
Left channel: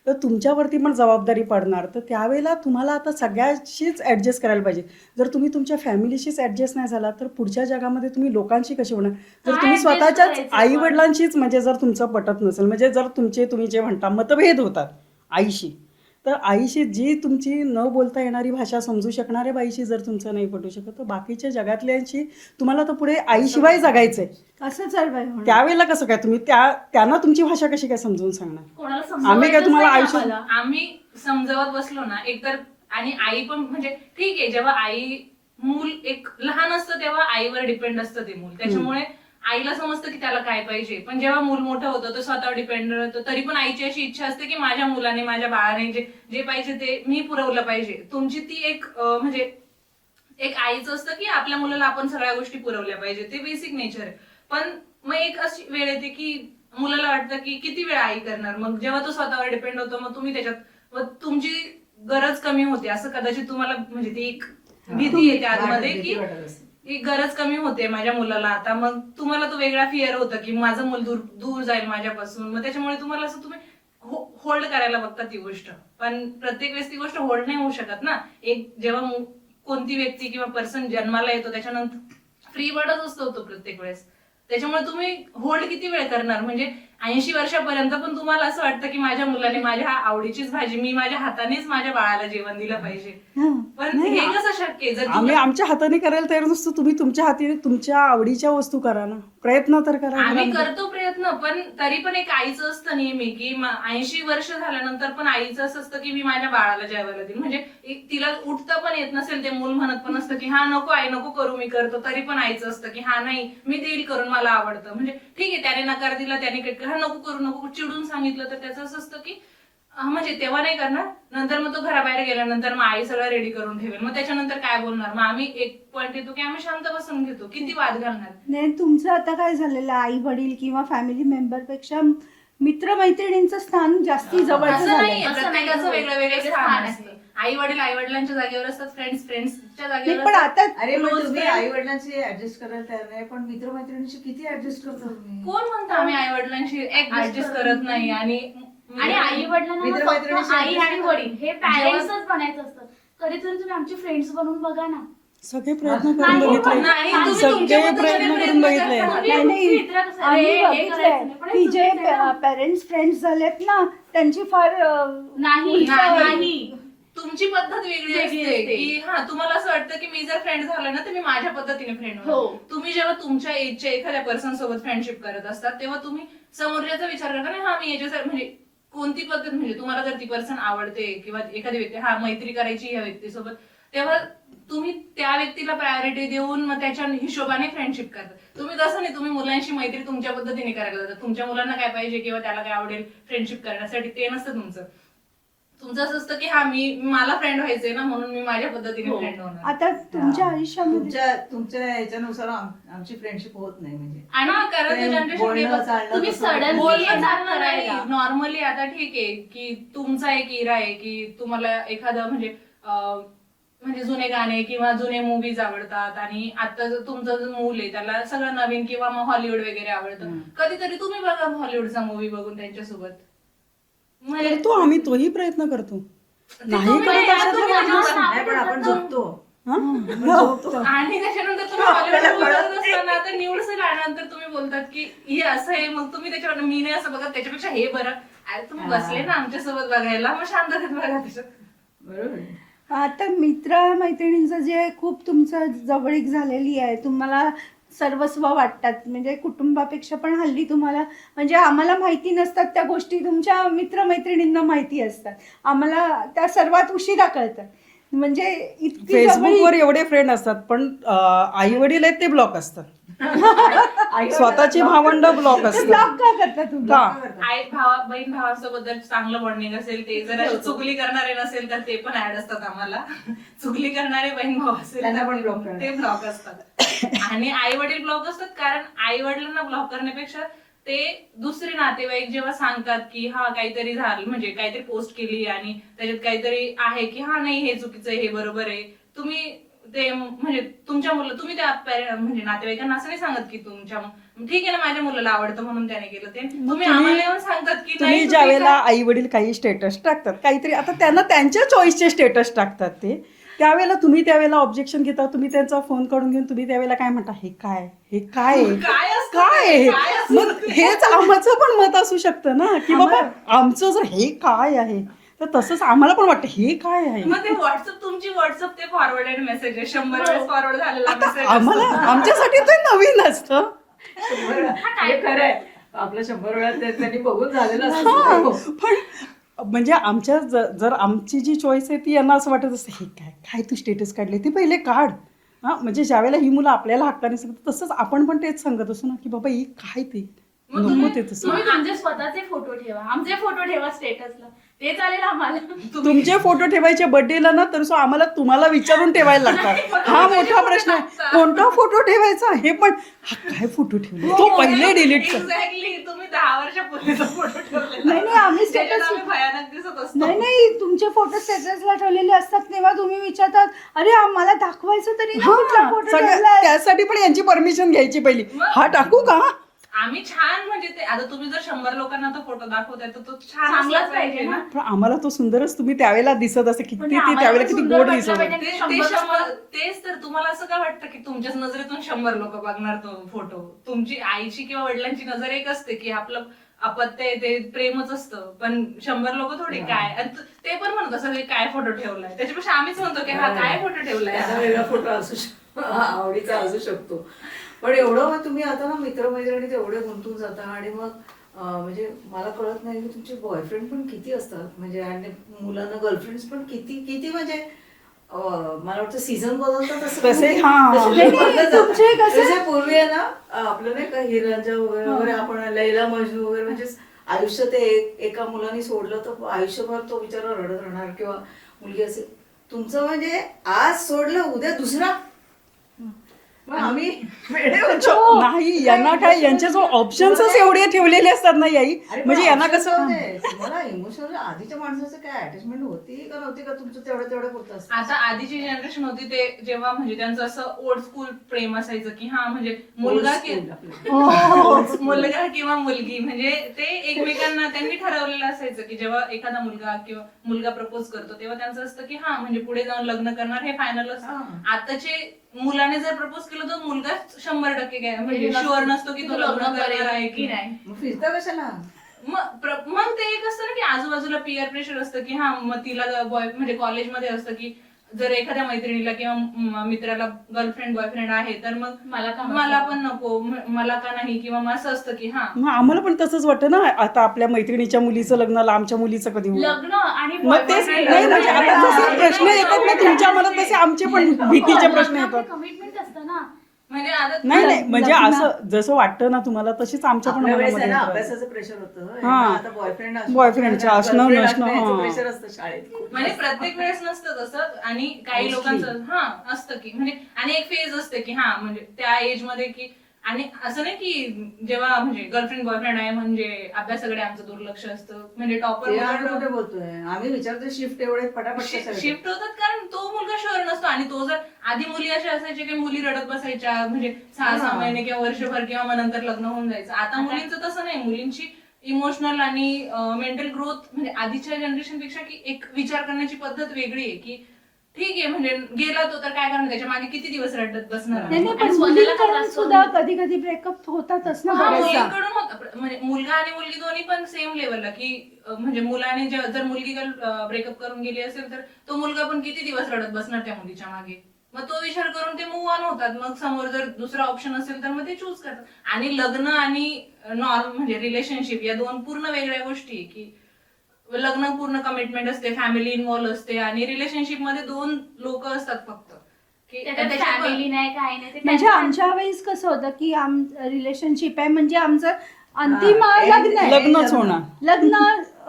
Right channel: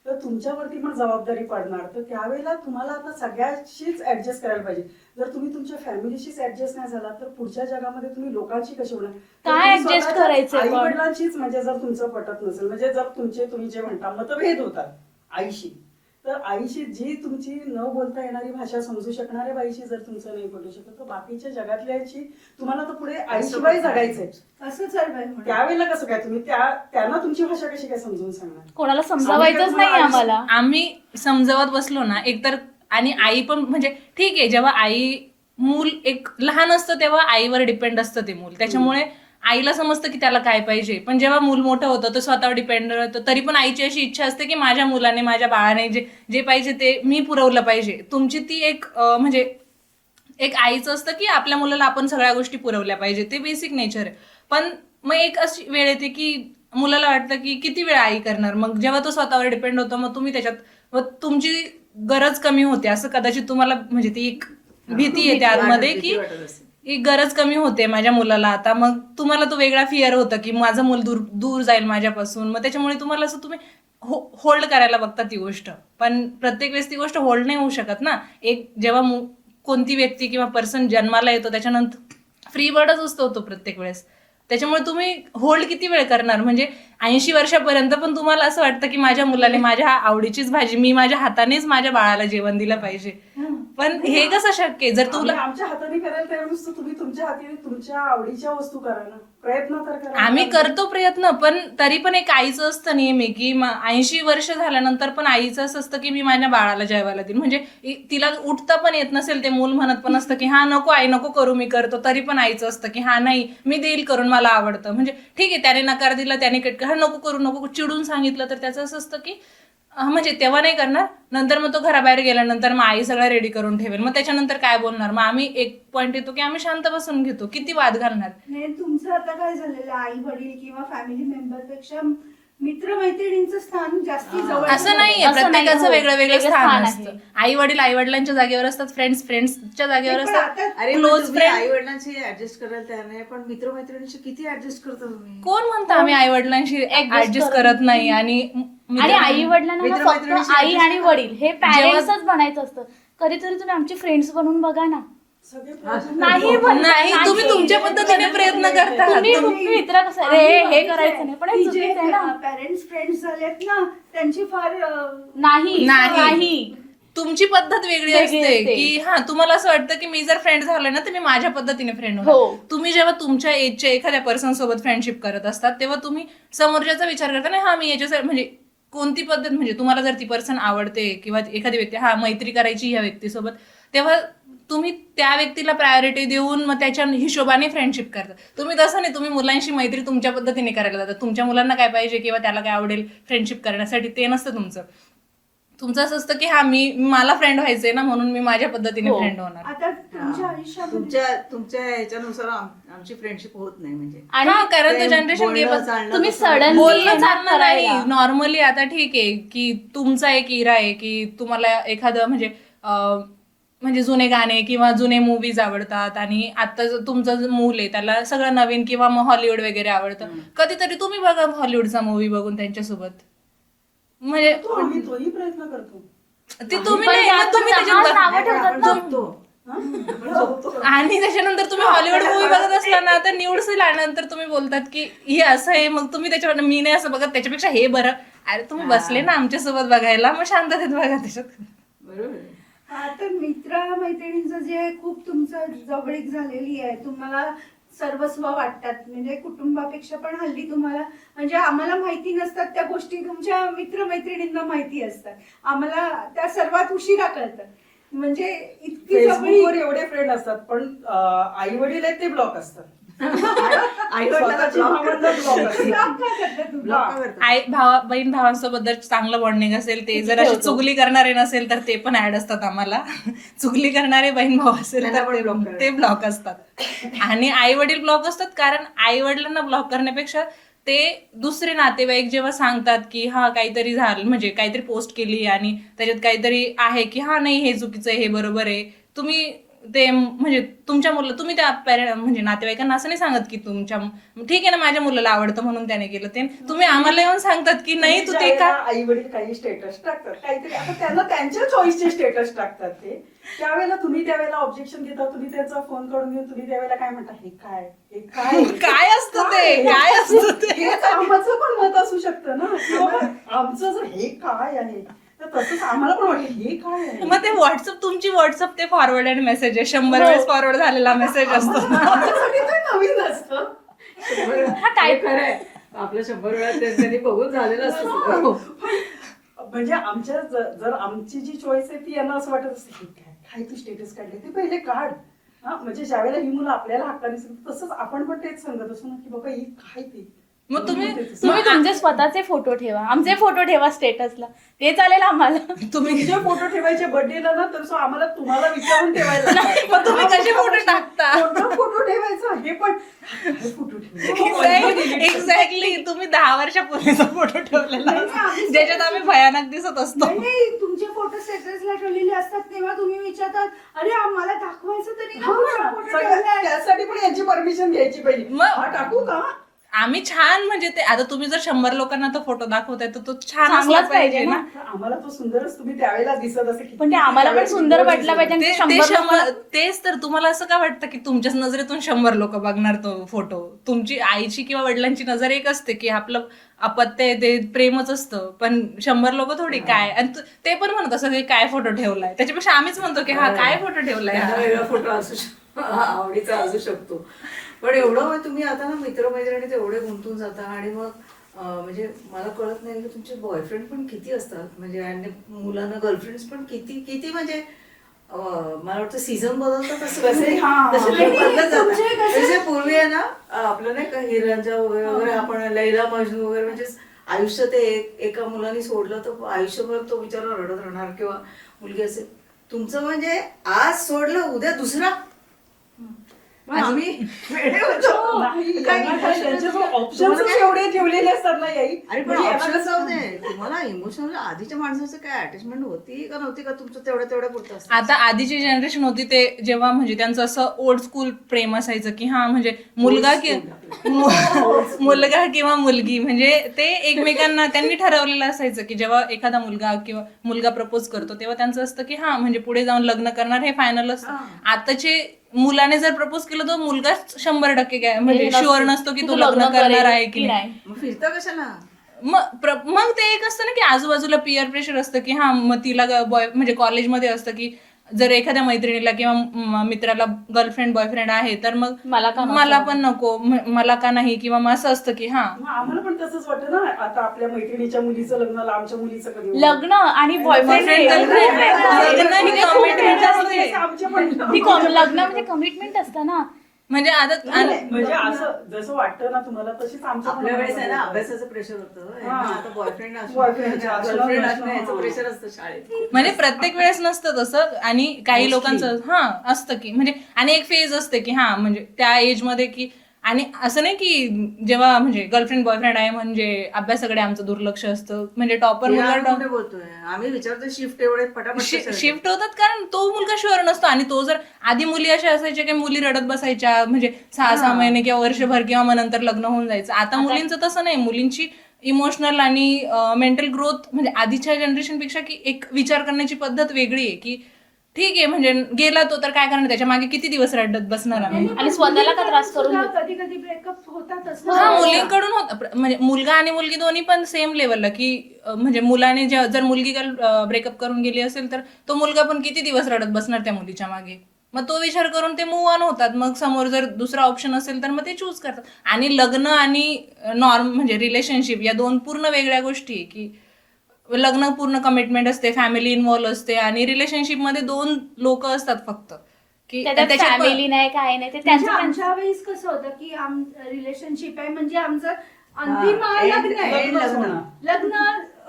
तर तुमच्यावरती पण जबाबदारी पडणार तर त्यावेळेला तुम्हाला आता सगळ्याशीच ऍडजस्ट करायला पाहिजे. जर तुम्ही तुमच्या फॅमिलीशीच ऍडजस्ट नाही झाला तर पुढच्या जगामध्ये तुम्ही लोकांशी कशी होणार? तर काय तुम्ही adjust स्वतःच्या करायचं पण? आई वडिलांशीच म्हणजे जर तुमचं पटत नसेल म्हणजे जर तुम्ही जे म्हणता मतभेद होतात आईशी तर आईशी जी तुमची न बोलता येणारी भाषा समजू शकणाऱ्या बाईशी जर तुमचं नाही पटू शकत तर बाकीच्या जगातल्यांशी तुम्हाला तर पुढे आईशिवाय जगायचंय. असंच आहे बाई म्हणून. त्यावेळेला कसं काय तुम्ही त्यांना तुमची भाषा कशी काय समजून सांगणार? कोणाला आम्ही काय समजावायचंच तुम्हाला नाही आयुष्य- आम्हाला. आम्ही समजावत बसलो ना एकतर आणि आई पण म्हणजे ठीक आहे जेव्हा आई मूल एक लहान असतं तेव्हा आईवर डिपेंड असतं ते मूल त्याच्यामुळे आईला समजतं की त्याला काय पाहिजे पण जेव्हा मूल मोठं होतं तो स्वतःवर डिपेंड होतं तरी पण आईची अशी इच्छा असते की माझ्या मुलाने माझ्या बाळाने जे पाहिजे ते मी पुरवलं पाहिजे. तुमची ती एक म्हणजे एक आईचं असतं की आपल्या मुलाला आपण सगळ्या गोष्टी पुरवल्या पाहिजे ते बेसिक नेचर आहे. पण मग एक अशी वेळ येते की मुलाला वाटतं की किती वेळ आई करणार मग जेव्हा तो स्वतःवर डिपेंड होतो मग तुम्ही त्याच्यात मग तुमची गरज कमी होते असं कदाचित तुम्हाला म्हणजे ती एक भीती येते आतमध्ये की वाटत असेल. ही गरज कमी होते माझ्या मुलाला आता मग तुम्हाला तो वेगळा फिअर होतं की माझं मूल दूर जाईल माझ्यापासून मग त्याच्यामुळे तुम्हाला असं तुम्ही होल्ड करायला बघता ती गोष्ट पण प्रत्येक वेळेस ती गोष्ट होल्ड नाही होऊ शकत ना. एक जेव्हा कोणती व्यक्ती किंवा पर्सन जन्माला येतो त्याच्यानंतर फ्री बर्डच असतो तो प्रत्येक वेळेस त्याच्यामुळे तुम्ही होल्ड किती वेळ करणार म्हणजे 80 वर्षापर्यंत पण तुम्हाला असं वाटतं की माझ्या मुलाने माझ्या आवडीचीच भाजी मी माझ्या हातानेच माझ्या बाळाला जेवण दिलं पाहिजे पण हे कसं शक्य आहे? जर आम्ही तुला आमच्या हाताने करायला तयार नसतो तुम्ही तुमच्या हातीने तुमच्या आवडीच्या वस्तू करा ना प्रयत्न तर करा. आम्ही करतो प्रयत्न पण तरी पण एक आईचं असतं नेहमी की 80 वर्ष झाल्यानंतर पण आईचं असं असतं की मी माझ्या बाळाला जेवायला देईन म्हणजे तिला उठता पण येत नसेल ते मूल म्हणत पण असतं की हा नको आई नको करू मी करतो तरी पण आईचं असतं की हा नाही मी देईल करून मला आवडतं म्हणजे ठीक आहे त्याने नकार दिला त्याने हा नको करू नको चिडून सांगितलं तर त्याचं असं असतं की म्हणजे तेव्हा नाही करणार नंतर मग तो घराबाहेर गेल्यानंतर मग आई सगळं रेडी करून ठेवेल मग त्याच्यानंतर काय बोलणार मग आम्ही एक पॉईंट येतो की आम्ही शांत बसून घेतो किती वाद घालणार. नाही तुमचं आता काय झालेलं आई वडील किंवा फॅमिली मेंबर पेक्षा मित्रमैत्रिणींचं स्थान जास्ती जवळ असं नाहीये असं नाही, प्रत्येकाचं हो. वेगळं वेगळं वेगळं स्थान स्थान असतं. आहे. आई वडील आई वडिलांच्या जागेवर असतात फ्रेंड्सच्या जागेवर पण असतात आता अरे Close friend. आई वडिलांशी ऍडजस्ट करायला तयार नाही पण मित्रमैत्रिणीशी किती ऍडजस्ट करता तुम्ही? कोण म्हणतं आम्ही आई वडिलांशी ऍडजस्ट करत नाही आणि आणि आई वडिलांना ना फक्त मित्रमैत्रिणीशी आई adjust आणि करा. वडील हे पॅरेंट्सच बनायचं असतं. कधीतरी तुम्ही आमचे फ्रेंड्स बनून बघा ना. सगळे प्रयत्न नाही, करतो. पण नाही तुम्ही सगळे तुमच्या पद्धतीने प्रयत्न प्रयत्न करून करता बघितले. तुम्ही मित्र कसं रे हे करायचं नाही पण हे की जे चुकीचं आहे ना. पेरेंट्स फ्रेंड्स झालेत ना त्यांची फार नाही नाही तुमची पद्धत वेगळी वेगळी असते असते. की हा तुम्हाला असं वाटतं की मी जर फ्रेंड झालोय ना तर मी माझ्या पद्धतीने फ्रेंड हो. तुम्ही जेव्हा तुमच्या एजच्या एखाद्या पर्सन सोबत फ्रेंडशिप करत असतात तेव्हा तुम्ही समोरच्याचा विचार करता नाही हा मी याच्यासाठी म्हणजे कोणती पद्धत म्हणजे तुम्हाला जर ती पर्सन आवडते किंवा एखादी व्यक्ती हा मैत्री करायची या व्यक्तीसोबत तेव्हा तुम्ही त्या व्यक्तीला प्रायोरिटी देऊन मग त्याच्या हिशोबाने फ्रेंडशिप करता. तुम्ही तसं नाही तुम्ही मुलांशी मैत्री तुमच्या पद्धतीने करायला जातात तुमच्या मुलांना काय पाहिजे किंवा त्याला काय आवडेल फ्रेंडशिप करण्यासाठी ते नसतं तुमचं तुमचं असं असतं की हा मला फ्रेंड व्हायचंय ना, म्हणून मी माझ्या पद्धतीने हो. फ्रेंड होणार. आता तुमच्या आयुष्यामध्ये तुमच्या ह्याच्यानुसार आमची फ्रेंडशिप होत नाही म्हणजे आणि हा, कारण तो प्रेम, जनरेशन बोलणं, चालणं तुम्ही कसं- suddenly बोलणं येणार चालणं नाही. करायला. नॉर्मली आता ठीक आहे की तुमचा एक इरा आहे की तुम्हाला एखादं म्हणजे जुने गाणे किंवा जुने मूवीज आवडतात, आणि आता तुमचं जो मूल आहे त्याला सगळं नवीन किंवा मग हॉलिवूड वगैरे आवडतं. कधीतरी तुम्ही बघा हॉलिवूडचा मूवी बघून त्यांच्यासोबत, म्हणजे तोही प्रयत्न करतो. ते तुम्ही पण नाही, त्या मग तुम्ही लहान त्याच्यात बघा. नाही, पण आपण झोपतो. आणि त्याच्यानंतर तुम्ही हॉलिवूड मूवी बघत असताना आता न्यूड्स आल्यानंतर तुम्ही बोलतात की हे असं आहे, मग तुम्ही त्याच्यावर मी नाही असं बघत, त्याच्यापेक्षा हे बरं. अरे तुम्ही बसले ना आमच्यासोबत बघायला, मग शांततेत बघा त्याच्यात. बरोबर आहे. आता मैत्रिणींचं जे खूप तुमचं जवळीक झालेली आहे, तुम्हाला सर्वस्व वाटतात, म्हणजे कुटुंबापेक्षा पण हल्ली तुम्हाला, म्हणजे आम्हाला माहिती नसतात त्या गोष्टी तुमच्या मित्रमैत्रिणींना माहिती असतात, आम्हाला त्या सर्वात उशिरा कळतात. म्हणजे इतकी फेसबुकवर जवळीक. एवढे फ्रेंड असतात, पण आई वडील आहेत ते ब्लॉक असतात. आई स्वतःची वडिलांना भावंड ब्लॉक असतात. Block का करता तुम्ही? हा. बहीण भावांसोबत जर चांगलं बॉन्डिंग असेल, ते जर अशी चुगली करणारे नसेल तर ते पण ऍड असतात आम्हाला. चुगली करणारे बहीण भाऊ असेल त्यांना पण तर block करतात. ते ब्लॉक असतात. आणि आई वडील ब्लॉक असतात, कारण आई वडिलांना ब्लॉक करण्यापेक्षा ते दुसरे नातेवाईक जेव्हा सांगतात की हा काहीतरी झालं, म्हणजे काहीतरी पोस्ट केली आणि त्याच्यात काहीतरी आहे की हा नाही हे चुकीचं आहे, हे बरोबर आहे, तुम्ही ते म्हणजे तुमच्या मुलं, तुम्ही त्या म्हणजे नातेवाईकांना असं नाही सांगत की तुमच्या ठीक आहे ना माझ्या मुलाला आवडतं म्हणून त्याने केलं ते, तुम्ही आम्हाला येऊन सांगतात की नाही ज्या वेळेला आई वडील काही स्टेटस टाकतात, काहीतरी आता त्यांना त्यांच्या चॉईसचे स्टेटस टाकतात ते, त्यावेळेला तुम्ही त्यावेळेला ऑब्जेक्शन घेता, तुम्ही त्यांचा फोन काढून घेऊन तुम्ही त्यावेळेला काय म्हणता, हे काय काय असतं ते? काय असतं ते? हेच आमचं पण मत असू शकतं ना, की बाबा आमचं जर हे काय आहे तर तसंच आम्हाला पण वाटतं हे काय आहे. मग ते तुमची व्हॉट्सअप ते फॉरवर्ड आणि मेसेज आहे, 100 वेळेस फॉरवर्ड झालेला मेसेज असतो. आमच्यासाठी ते नवीन असतं. हे खरं आहे. आपलं 100 वेळा त्यांनी बघून झालेलं असतं. पण म्हणजे आमच्या जर आमची जी चॉईस आहे ती यांना असं वाटत असतं, हे काय तू स्टेटस काढले ते पहिले काढ. हा, म्हणजे ज्यावेळेला ही मुलं आपल्याला हक्काने सांगतात तसंच आपण पण तेच सांगत असतो ना, की बाबा हे काय ते मग नको तुम्ही- ते तसं. तुम्ही तुमचे स्वतःचे फोटो ठेवा, आमचे फोटो ठेवा स्टेटसला, ते चालेल आम्हाला. तुमचे फोटो ठेवायचे बर्थडेला ना, तर आम्हाला तुम्हाला विचारून ठेवायला नाही, पण तुम्ही लागतात. हा कसे मोठा फोटो प्रश्न आहे. टाकता? कोणता फोटो ठेवायचा हे पण, हा काय फोटो ठेवला तो पहिले डिलीट एक्झॅक्टली, तुम्ही 10 वर्षापूर्वीचा फोटो ठेवलेला नाही, आहे, आम्ही ज्याच्यात आम्ही भयानक दिसत असतो. नाही, तुमचे फोटो स्टेटसला ठेवलेले असतात तेव्हा तुम्ही विचारतात, अरे आम्हाला दाखवायचं तरी ना कुठला फोटो ठेवलाय. त्यासाठी पण यांची परमिशन घ्यायची पहिली. मग- हा टाकू का? आम्ही छान, म्हणजे ते आता तुम्ही जर 100 लोकांना तो फोटो दाखवताय तर तो छान असला चांगलाच पाहिजे पाहिजे ना. ना. पण आम्हाला तो सुंदरच तुम्ही त्यावेळेला दिसत असे, पण ते आम्हाला पण सुंदर वाटलं पाहिजे आणि ते 100 तेच तर, तुम्हाला असं का वाटतं की तुमच्याच नजरेतून 100 लोक बघणार तो फोटो? तुमची आईची किंवा वडिलांची नजर एक असते की आपलं अपत्य आहे ते प्रेमच असतं, पण 100 लोक थोडी काय, आणि ते पण म्हणत असं की काय फोटो ठेवलाय, त्याच्यापेक्षा आम्हीच म्हणतो की हा काय फोटो त्यांना ठेवलाय. वेगळा फोटो असू शकतो, आवडीचा असू शकतो. पण एवढं मग तुम्ही आता ना मित्रमैत्रिणीत एवढे गुंतून जाता, आणि मग म्हणजे मला कळत नाही की तुमचे बॉयफ्रेंड पण किती असतात, म्हणजे आणि मुलांना गर्लफ्रेंड्स पण किती किती, म्हणजे मला वाटतं सीझन बदलतात तसे, तसे हा. तसे नाही, लोक बदलत तुमचे जातात. कसे- जसे पूर्वी आहे ना आपलं नाही का हिरांच्या वगैरे आपण लैला मजनू वगैरे, म्हणजे आयुष्य ते एका मुलाने सोडलं तर आयुष्यभर तो बिचारा रडत राहणार, किंवा मुलगी असेल. तुमचं म्हणजे आज सोडलं उद्या दुसरा. मग आम्ही वेडे होतो. नाही, यांना काय, यांचे जो ऑप्शन्स एवढे ठेवलेले असतात ना आई, अरे म्हणजे यांना कसं तुम्हाला इमोशनल आधीच्या माणसाचं काय अटॅचमेंट होती का नव्हती का, तुमचं तेवढ्या पुरतं असतं? आता आधीची जनरेशन होती ते जेव्हा म्हणजे त्यांचं असं ओल्ड स्कूल प्रेम असायचं की हा म्हणजे मुलगा मुलगा किंवा मुलगी, म्हणजे ते एकमेकांना त्यांनी ठरवलेलं असायचं की जेव्हा एखादा मुलगा किंवा मुलगा प्रपोज करतो तेव्हा त्यांचं असतं की हा म्हणजे पुढे जाऊन लग्न करणार हे फायनल असतं. आताचे मुलाने जर प्रपोज केलं तर मुलगा 100% म्हणजे शुअर नसतो की तो लग्न करणार आहे की नाही. मग फिरता कशाला? मग ते एक असतं ना की आजूबाजूला पिअर प्रेशर असतं की हा मग तिला म्हणजे कॉलेजमध्ये असतं की जर एखाद्या मैत्रिणीला किंवा मित्राला गर्लफ्रेंड बॉयफ्रेंड आहे तर मग मला पण नको, मला का नाही, किंवा मग असं असतं की हा मग आम्हाला पण तसंच वाटतं ना, आता आपल्या मैत्रिणीच्या मुलीचं लग्नाला आमच्या मुलीचं कधी होईल? लग्न आणि बॉयफ्रेंड तुमच्या मनात कसे आमचे पण भीतीचे प्रश्न लग्न येतात. म्हणजे कमिटमेंट असतं ना, म्हणजे आता नाही नाही म्हणजे असं जसं वाटतं ना तुम्हाला तशीच आमच्या पण आपल्या वेळेस आहे ना मनामध्ये अभ्यासाचं प्रेशर होतं हा. आता बॉयफ्रेंड Boyfriendचं असणं, नसणं, हा. प्रेशर असतं शाळेत म्हणजे प्रत्येक वेळेस नसतं तसं आणि काही Mostly. लोकांचं असतं की म्हणजे आणि एक फेज असते की म्हणजे त्या एज मध्ये की आणि असं नाही की जेव्हा म्हणजे गर्लफ्रेंड बॉयफ्रेंड आहे म्हणजे अभ्यासाकडे आमचं दुर्लक्ष असतं म्हणजे टॉपर ते आम्ही कुठे बोलतोय आम्ही विचारतो शिफ्ट एवढे पटापट कशा येतात? शिफ्ट होतात कारण तो मुलगा शुअर नसतो आणि तो जर आधी मुली अशा असायच्या की मुली रडत बसायच्या म्हणजे 6-6 महिने किंवा वर्षभर किंवा मग नंतर लग्न होऊन जायचं आता मुलींचं तसं नाही मुलींची इमोशनल आणि मेंटल ग्रोथ म्हणजे आधीच्या जनरेशन पेक्षा की एक विचार करण्याची पद्धत वेगळी आहे की ठीक आहे म्हणजे गेला तो तर काय करणार त्याच्या मागे किती दिवस रडत बसणार आम्ही? आणि स्वतःला का त्रास करून सुद्धा कधी कधी ब्रेकअप होतातच ना. हा मुलींकडून होत म्हणजे मुलगा आणि मुलगी दोन्ही पण सेम लेवलला की म्हणजे मुलाने जर मुलगी ब्रेकअप करून गेली असेल तर तो मुलगा पण किती दिवस रडत बसणार त्या मुलीच्या मागे मग तो विचार करून ते मूव्ह ऑन होतात मग समोर जर दुसरा ऑप्शन असेल तर मग ते चूज करतात आणि लग्न आणि नॉर्म म्हणजे रिलेशनशिप या दोन पूर्ण वेगळ्या गोष्टी आहे की लग्न पूर्ण कमिटमेंट असते फॅमिली इन्व्हॉल्व असते आणि रिलेशनशिप मध्ये 2 लोक असतात फक्त की त्याच्यात फॅमिली नाही काय नाही ते म्हणजे त्यांचं आमच्या वेळेस कसं होतं की रिलेशनशिप आहे म्हणजे आमचं अंतिम हा, लग्न आहे लग्नच होणार. लग्न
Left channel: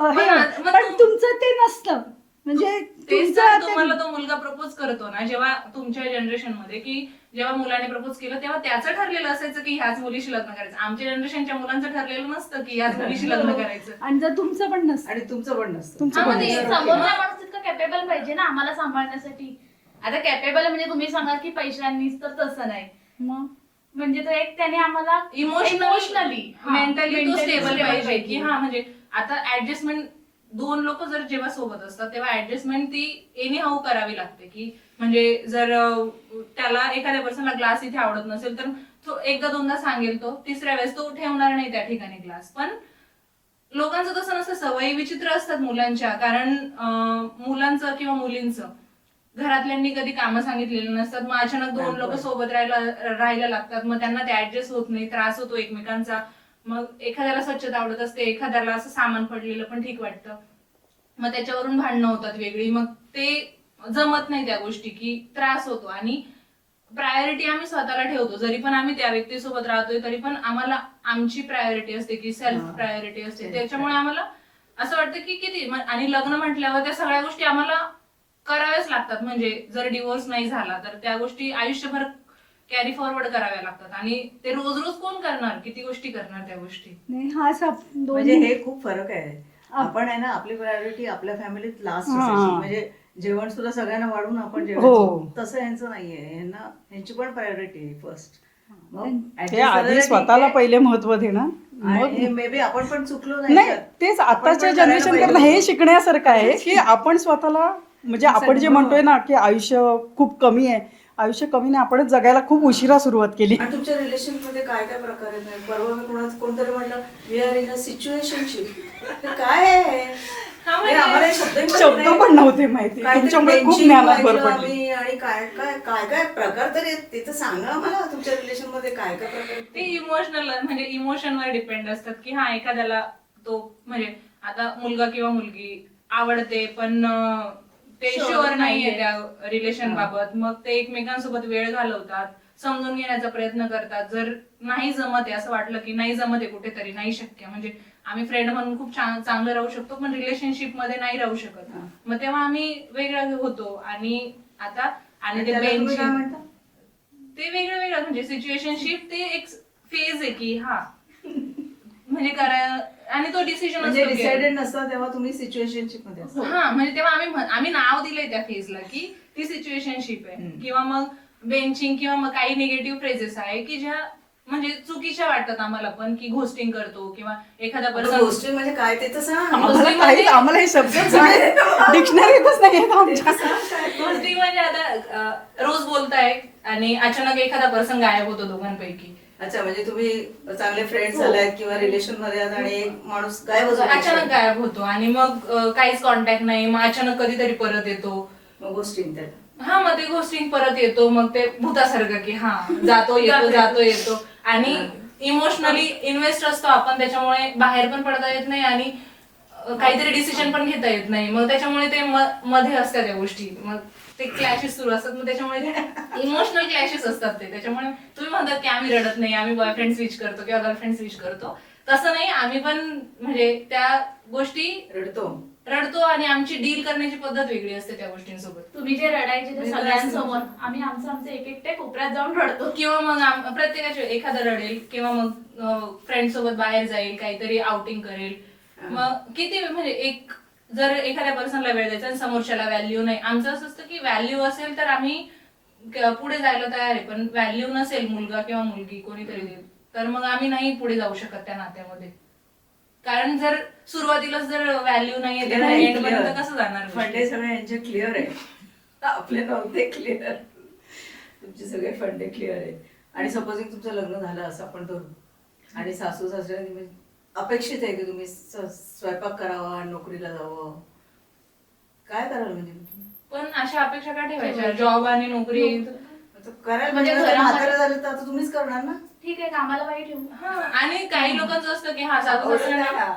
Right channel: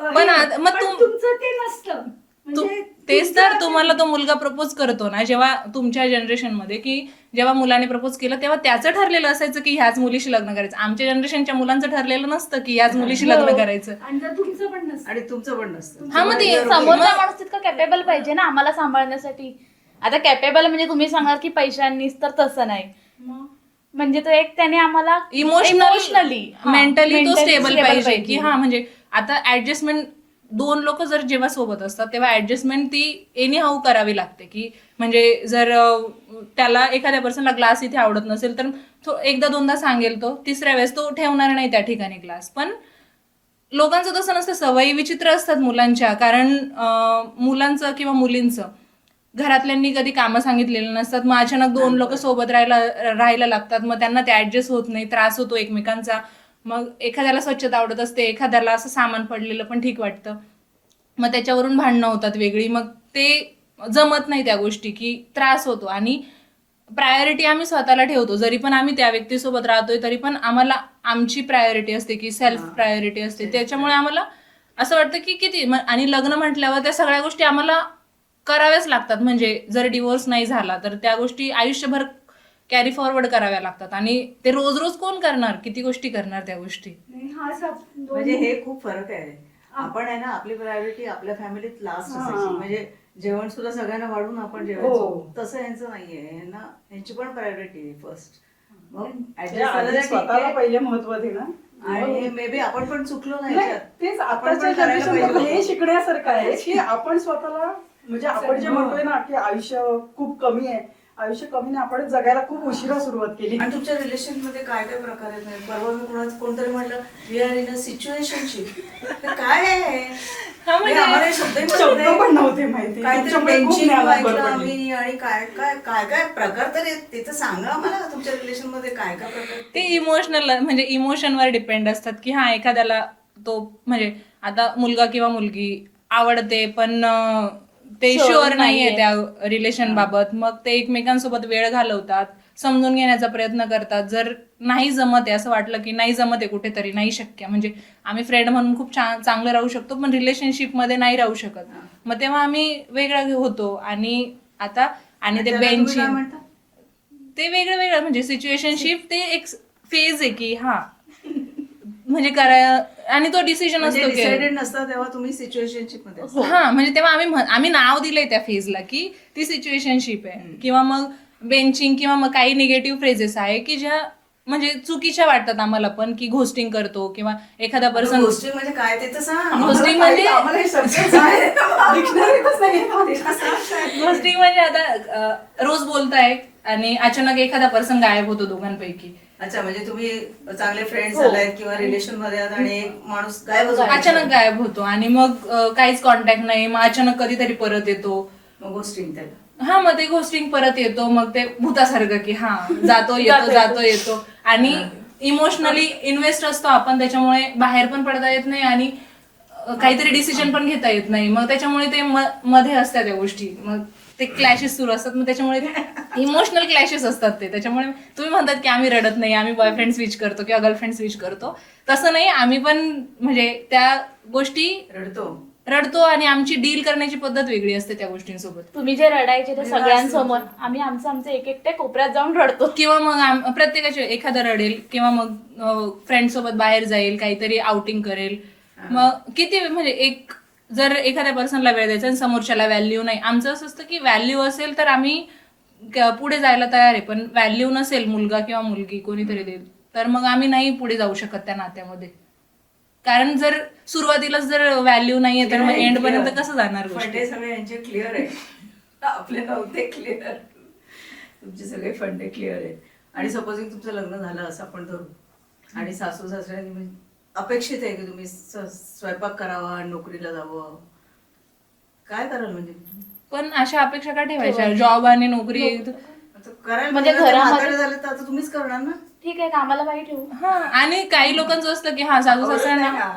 पण पण तुमचं ते नसतं म्हणजे तेच तुमचं तर ते- तुम्हाला तो मुलगा प्रपोज करतो ना जेव्हा तुमच्या जनरेशन मध्ये की जेव्हा मुलाने प्रपोज केलं तेव्हा त्याचं ठरलेलं असायचं की ह्याच मुलीशी लग्न करायचं आमच्या जनरेशनच्या मुलांचं ठरलेलं नसतं की ह्याच मुलीशी लग्न करायचं आणि जर तुमचं पण नसतं आणि तुमचं पण नसतं तुमचं हा, मग ते समोरचा माणूस तितका कॅपेबल पाहिजे ना आम्हाला सांभाळण्यासाठी आता कॅपेबल म्हणजे तुम्ही सांगाल की पैशांनीच तर तसं नाही म्हणजे तो एक त्याने आम्हाला इमोशनली मेंटली तो स्टेबल पाहिजे की म्हणजे आता ऍडजस्टमेंट 2 लोक जर जेव्हा सोबत असतात तेव्हा ऍडजस्टमेंट ती एनी हाऊ करावी लागते की म्हणजे जर त्याला एखाद्या पर्सनला ग्लास इथे आवडत नसेल तर तो एकदा दोनदा सांगेल तो तिसऱ्या वेळेस तो ठेवणार नाही त्या ठिकाणी ग्लास पण लोकांचं तसं नसतं सवयी विचित्र असतात मुलांच्या कारण मुलांचं किंवा मुलींचं घरातल्यांनी कधी कामं सांगितलेली नसतात मग अचानक 2 लोक सोबत राहायला लागतात मग त्यांना ते ऍडजस्ट होत नाही त्रास होतो एकमेकांचा मग एखाद्याला स्वच्छता आवडत असते एखाद्याला असं सामान पडलेलं पण ठीक वाटतं मग त्याच्यावरून भांडणं होतात वेगळी मग ते जमत नाही त्या गोष्टी की त्रास होतो आणि प्रायोरिटी आम्ही स्वतःला ठेवतो जरी पण आम्ही त्या व्यक्तीसोबत राहतोय तरी पण आम्हाला आमची प्रायोरिटी असते की सेल्फ प्रायोरिटी असते त्याच्यामुळे आम्हाला असं वाटतं की किती आणि लग्न म्हटल्यावर त्या सगळ्या गोष्टी आम्हाला कराव्याच लागतात म्हणजे जर डिवोर्स नाही झाला तर त्या गोष्टी आयुष्यभर कॅरी फॉरवर्ड कराव्या लागतात आणि ते रोज रोज कोण करणार किती गोष्टी करणार त्या गोष्टी नाही, हा म्हणजे हे खूप फरक आहे आपण आहे ना आपली प्रायोरिटी आपल्या फॅमिलीत लास्ट असायची म्हणजे जेवण सुद्धा सगळ्यांना वाढून आपण जेवायचो तसं यांचं नाहीये यांची पण प्रायोरिटी आहे फर्स्ट मग ते adjust आधी करायला स्वतःला ठीक पहिले महत्व देणं आहे. आणि मग मे बी आपण पण चुकलो नाही नाही तेच आपण आताच्या पण करायला जनरेशन पाहिजे मधलं हे होतं. शिकण्यासारखं आहे की आपण स्वतःला म्हणजे आपण जे म्हणतोय ना की आयुष्य खूप कमी आहे आयुष्य कमी नाही आपणच जगायला खूप उशिरा सुरुवात केली आणि तुमच्या रिलेशन मध्ये काय काय प्रकार आहेत परवा मी कोणतरी म्हणलं we are in a situationship काय आहे म्हणजे आम्हाला हे शब्दही माहित शब्द नाही. पण नव्हते माहिती काहीतरी तुमच्यामुळे खूप benching ज्ञानात भर ऐकलं पडली. आम्ही आणि काय काय काय काय प्रकार तरी आहेत ते तर सांगा आम्हाला तुमच्या रिलेशन मध्ये काय काय प्रकार आहेत ते इमोशनल म्हणजे इमोशनवर डिपेंड असतात की एखाद्याला तो म्हणजे आता मुलगा किंवा मुलगी आवडते पण ते शुअर नाहीये त्या रिलेशन बाबत मग ते एकमेकांसोबत वेळ घालवतात समजून घेण्याचा प्रयत्न करतात जर नाही जमत आहे असं वाटलं की नाही जमत आहे कुठेतरी नाही शक्य म्हणजे आम्ही फ्रेंड म्हणून खूप चांगलं राहू शकतो पण रिलेशनशिप मध्ये नाही राहू शकत मग तेव्हा आम्ही वेगळं होतो आणि आता आणि ते त्याला तुम्ही काय बेंचिंग म्हणता? ते वेगळं वेगळं म्हणजे सिच्युएशनशिप ते एक फेज आहे की म्हणजे आणि तो डिसिजन म्हणजे असतो की- डिसाइडेड नसता तेव्हा तुम्ही सिच्युएशनशिप मध्ये असता. हा म्हणजे तेव्हा आम्ही नाव दिलंय त्या फेजला की ती सिच्युएशनशिप आहे किंवा मग बेंचिंग किंवा मग काही निगेटिव्ह फ्रेजेस आहे की ज्या म्हणजे चुकीच्या वाटतात आम्हाला पण की घोस्टिंग करतो किंवा एखादा पर्सन गोष्टी म्हणजे काय ते तर सांग Ghosting म्हणजे- आम्हाला हे शब्द डिक्शनरीतच नाही आहेत आमच्या. घोस्टिंग म्हणजे आता रोज बोलताय आणि अचानक एखादा पर्सन गायब होतो दोघांपैकी अच्छा म्हणजे तुम्ही चांगले फ्रेंड झालायत किंवा रिलेशन मध्ये आहात आणि एक माणूस गायब होतो अचानक गायब होतो आणि मग काहीच कॉन्टॅक्ट नाही मग अचानक कधीतरी परत येतो मग गोष्टी त्याला मग ते घोस्टिंग परत येतो मग ते भूतासारखं की जातो येतो आणि इमोशनली इन्व्हेस्ट असतो आपण त्याच्यामुळे बाहेर पण पडता येत नाही आणि काहीतरी डिसिजन पण घेता येत नाही, मग त्याच्यामुळे ते मध्ये असतात त्या गोष्टी, मग ते क्लॅशेस सुरू असतात, मग त्याच्यामुळे ते इमोशनल क्लॅशेस असतात ते. त्याच्यामुळे तुम्ही म्हणतात की आम्ही रडत नाही, आम्ही बॉयफ्रेंड स्विच करतो किंवा गर्लफ्रेंड स्विच करतो, तसं नाही. आम्ही पण म्हणजे त्या गोष्टी रडतो आणि आमची डील करण्याची पद्धत वेगळी असते त्या गोष्टींसोबत. तुम्ही जे रडायचे ते सगळ्यांसमोर, आम्ही आमचं एकट्या कोपऱ्यात जाऊन रडतो. किंवा मग प्रत्येकाचे एखादा रडेल किंवा मग फ्रेंड सोबत बाहेर जाईल, काहीतरी आउटिंग करेल. मग किती म्हणजे जर एखाद्या पर्सनला वेळ द्यायचा आणि समोरच्याला व्हॅल्यू नाही, आमचं असं असतं की व्हॅल्यू असेल तर आम्ही पुढे जायला तयार आहे, पण व्हॅल्यू नसेल, मुलगा किंवा मुलगी कोणीतरी देईल, तर मग आम्ही नाही पुढे जाऊ शकत त्या नात्यामध्ये. कारण जर सुरुवातीलाच जर व्हॅल्यू नाहीये तर मग एंड पर्यंत कसं जाणार गोष्टी? फंडे सगळे यांचे क्लिअर आहे, आपले नव्हते क्लिअर. तुमचे सगळे फंडे क्लिअर आहेत. आणि सपोजिंग तुमचं लग्न झालं असं आपण धरू, आणि सासू सासऱ्यांनी म्हणजे अपेक्षित आहे की तुम्ही स्वयंपाक करावा, नोकरीला जावं, काय कराल म्हणजे? पण अशा अपेक्षा का ठेवायच्या? जॉब आणि नोकरी आता करायला म्हणजे म्हणजे घरामध्ये- म्हातारे झाले तर आता तुम्हीच करणार ना. ठीक आहे, कामाला बाई ठेवू. हा. आणि काही लोकांचं असतं की हा सासू सासऱ्यांना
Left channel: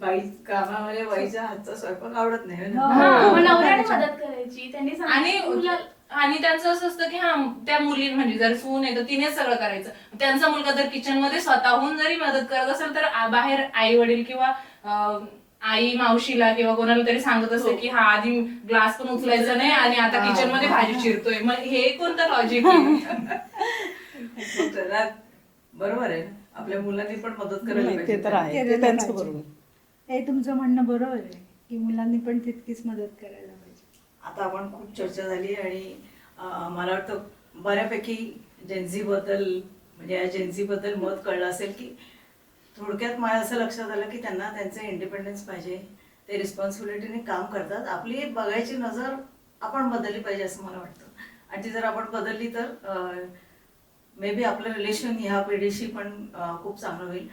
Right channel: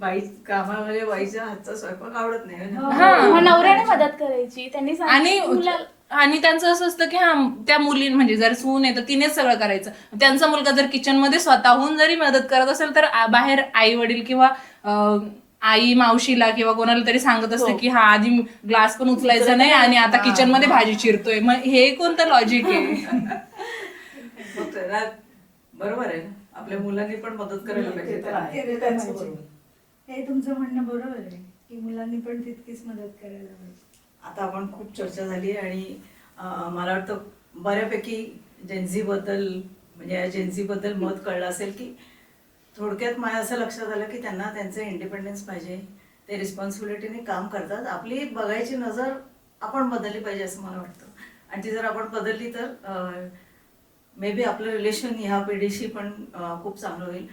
बाई कामामध्ये बाईच्या हातचा स्वयंपाक आवडत नाही ना. मग नवऱ्याने मदत करायची, त्यांनी सांगितलं आणि त्यांचं असं असतं की हा त्या मुली म्हणजे जर सून आहे तर तिनेच सगळं करायचं. त्यांचा मुलगा जर किचन मध्ये स्वतःहून जरी मदत करत असेल तर बाहेर आई वडील किंवा आई मावशीला किंवा कोणाला तरी सांगत असते की हा आधी ग्लास पण उचलायचा नाही आणि आता किचन मध्ये भाजी चिरतोय. मग हे कोणतं लॉजिक आहे? मग त्याला बरोबर आहे, आपल्या मुलांनी पण मदत करायला ते पाहिजे. तर आहे, ते त्यांचं बरोबर. हे तुमचं म्हणणं बरोबर आहे की मुलांनी पण तितकीच मदत करायला पाहिजे. आता आपण खूप चर्चा झाली आणि मला वाटतं बऱ्यापैकी जेन्झी बद्दल म्हणजे या जेन्झी बद्दल मत कळलं असेल की थोडक्यात मला असं लक्षात आलं की त्यांना त्यांचं इंडिपेंडन्स पाहिजे, ते रिस्पॉन्सिबिलिटीने काम करतात. आपली बघायची नजर आपण बदलली पाहिजे असं मला वाटतं. आणि ती जर आपण बदलली तर मे बी आपलं रिलेशन ह्या पिढीशी पण खूप चांगलं होईल.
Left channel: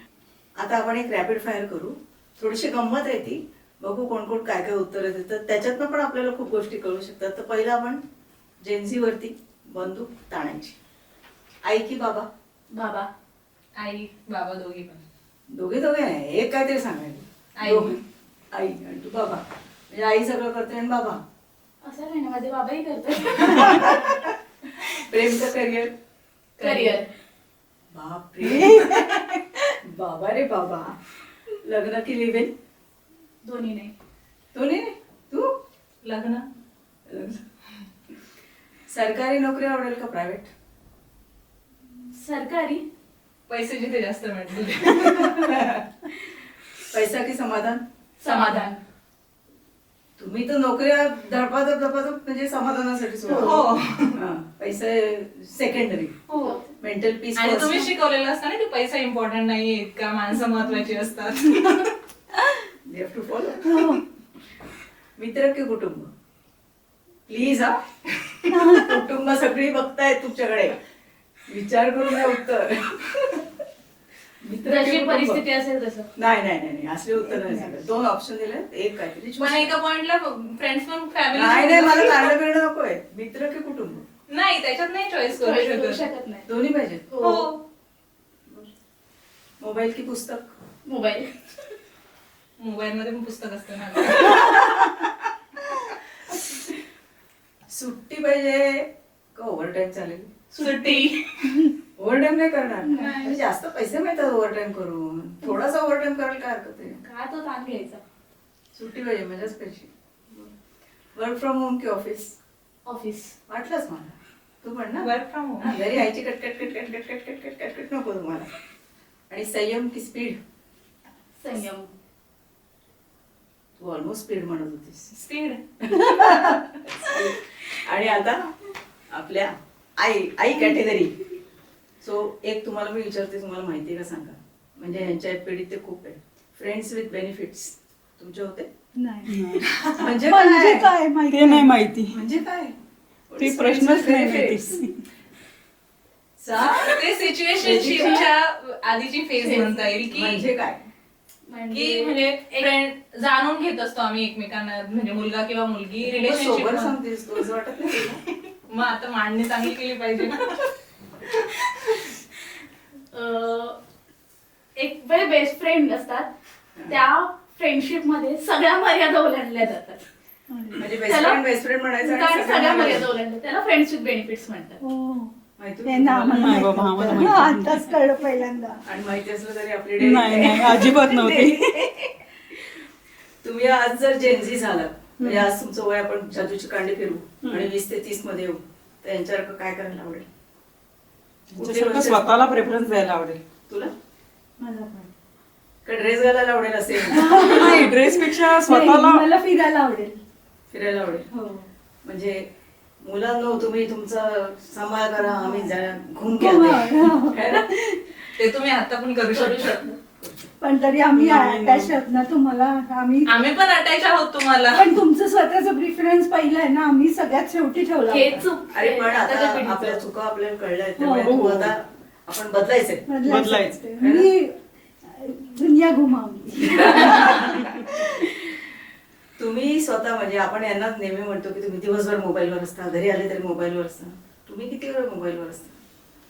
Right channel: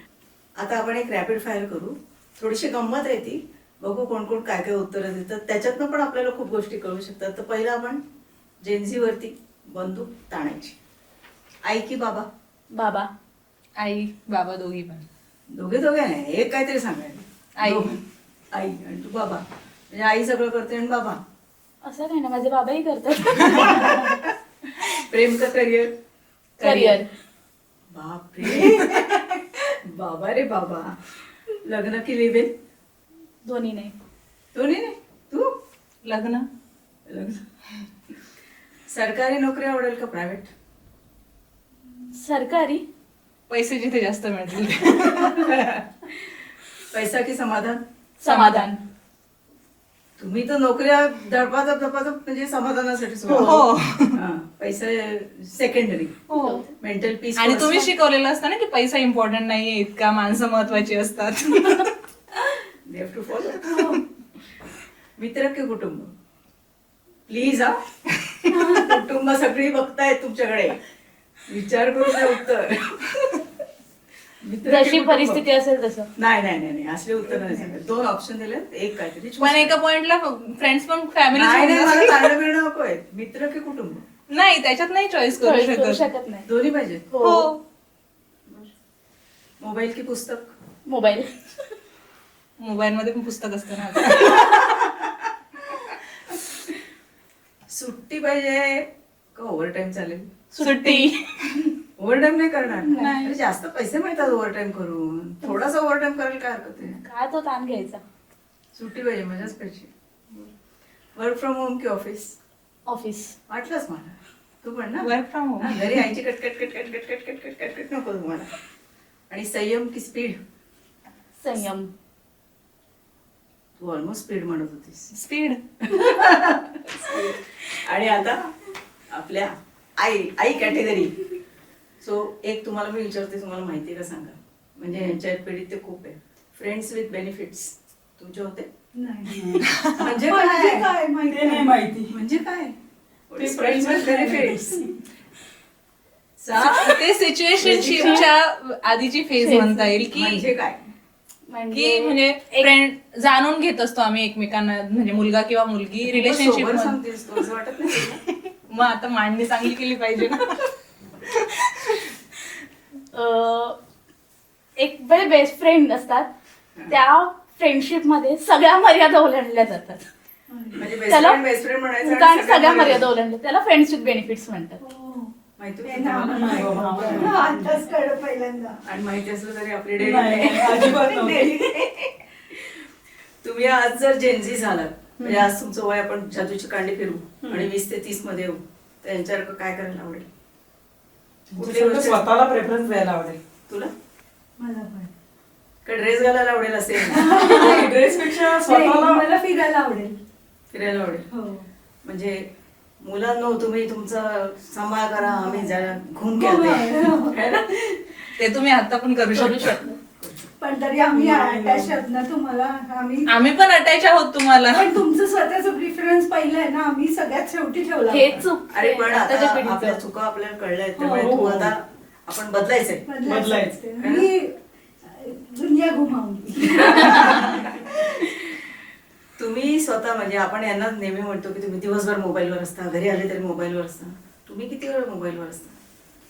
आता आपण एक रॅपिड फायर करू, थोडीशी गंमत आहे ती, बघू कोण कोण काय काय उत्तरं देतात, त्याच्यातनं पण आपल्याला खूप गोष्टी कळू शकतात. तर पहिलं आपण जेन्झीवरती बंदूक ताणायची. आई की बाबा? बाबा. आई बाबा दोघी पण. दोघे दोघे नाही, एक काहीतरी सांगायचं. आई. आई आणि तू बाबा, म्हणजे आई सगळं करते आणि बाबा असं काही ना, माझे बाबाही करतात. प्रेम का करिअर? करिअर. बापरे बाबा रे बाबा. लग्न की लिव्ह इन? दोन्ही नाही. दोन्ही नाही. तू? लग्न. लग्न. सरकारी नोकरी आवडेल का प्रायव्हेट? सरकारी. पैसे जिथे जास्त मिळतील. पैसा की समाधान? समाधान. तुम्ही तर नोकऱ्या दडपादप म्हणजे समाधानासाठी सोडा. हो. पैसा सेकंडरी, हो. Mental peace. आणि तुम्ही शिकवलेलं असतं ना की पैसा इम्पॉर्टंट नाहीये इतका, माणसं महत्वाची असतात. They have to follow. मित्र की कुटुंब? प्लीज हा. कुटुंब सगळी बघतायत तुमच्याकडे, विचार करून द्या उत्तर. मित्र की जशी कुटुंब? परिस्थिती असेल तसं. नाही नाही नाही नाही, असले उत्तर नाही सांगत. दोन ऑप्शन दिले, एक काहीतरी choose पण एका करा. पॉइंटला फ्रेंड्स पण नाही नाही, मला फॅमिली चांगलं मिळणं नकोय. मित्र की कुटुंब? नाही, त्याच्यात नाही चॉईस करू Choice करू शकत. शकत नाही. दोन्ही पाहिजे. हो. मोबाईल की पुस्तक? मोबाईल. मोबाईल मध्ये पण पुस्तक असतं ना. सुट्टी पाहिजे का ओव्हरटाईम चालेल? सुट्टी. ओव्हरटाईम नाही करणार. म्हणजे जास्त पैसे मिळतात ओव्हरटाईम करून, थोडासा ओव्हरटाईम करायला काय हरकत आहे? काय तो ताण घ्यायचा. सुट्टी पाहिजे, मजाच पाहिजे. वर्क फ्रॉम होम की ऑफिस? ऑफिस. वाटलंच मला. तू पण ना? Work from home. हा, घरी आईची कटकट कटकट कटकट कटकट कटकट नको तुम्हाला. आणि संयम की स्पीड? संयम. तू ऑलमोस्ट स्पीड म्हणत होतीस. स्पीड. आणि आता आपल्या आई कॅटेगरी. सो एक तुम्हाला मी विचारते, तुम्हाला माहिती आहे का सांगा, म्हणजे यांच्या पिढीत ते खूप आहे. फ्रेंड्स विथ बेनिफिट्स तुमचे होते? नाही. म्हणजे म्हणजे काय? काय माहिती नाही माहिती. म्हणजे काय? ते फ्रेंड्स प्रश्नच विथ नाही. बेनिफिट्स. ते सिच्युएशनशिपच्या आधीची फेज म्हणता येईल की म्हणजे काय? म्हणजे फ्रेंड जाणून घेत असतो आम्ही एकमेकांना, म्हणजे मुलगा किंवा मुलगी सोबत रिलेशनशिप. सांगतेस तू, असं वाटत नाही तुला? मग आता मांडणी चांगली केली पाहिजे ना. एक बेस्ट फ्रेंड असतात, त्या फ्रेंडशिप मध्ये सगळ्या मर्यादा ओलांडल्या जातात. म्हणजे त्याला बेस्ट फ्रेंड म्हणायचं आणि कारण सगळ्या सगळ्या मर्यादा ओलांडल्या, त्याला फ्रेंड्स विथ बेनिफिट्स म्हणतात. हो. माहिती ते होतं ना तुम्हाला? नाही बाबा, आम्हाला हा, माहिती नाही. आताच कळलं पहिल्यांदा. आणि माहिती असलं तरी आपली नाही, नाही, अजिबात नव्हती. तुम्ही आज जर जेनझी झालात, म्हणजे आज तुमचं वय आपण जादूची कांडी फिरू आणि 20 ते 30 मध्ये येऊ, तर यांच्यासारखं काय करायला आवडेल? कुठली सगळं गोष्ट स्वतःला प्रेफरन्स द्यायला आवडेल. तुला? मला पण. का ड्रेस घालायला आवडेल असेल? ड्रेस पेक्षा नाही, स्वतःला मला फिरायला आवडेल. फिरायला आवडेल. हो. म्हणजे मुलांनो तुम्ही तुमचा सांभाळ करा, आम्ही जरा घुम हो. खेळते. ते तुम्ही आता पण करू शकता. पण तरी आम्ही नाही, अटॅच नाही. आहोत ना तुम्हाला. आम्ही पण अटॅच आहोत तुम्हाला. पण तुमचं स्वतःचं प्रिफरन्स पहिलं आहे ना, आम्ही सगळ्यात शेवटी ठेवला हे होता. चूक. अरे पण आता आताच्या पिढीचं. आपल्या चुका आपल्याला कळल्या आहेत, त्यामुळे हो, तू हो. आता आपण बदलायचंय. बदलायचं. मी दुनिया घुमावली. तुम्ही स्वतः म्हणजे आपण यांना नेहमी म्हणतो की तुम्ही दिवसभर मोबाईलवर असता, घरी आले तरी मोबाईलवर असता. तुम्ही किती वेळ मोबाईलवर असता?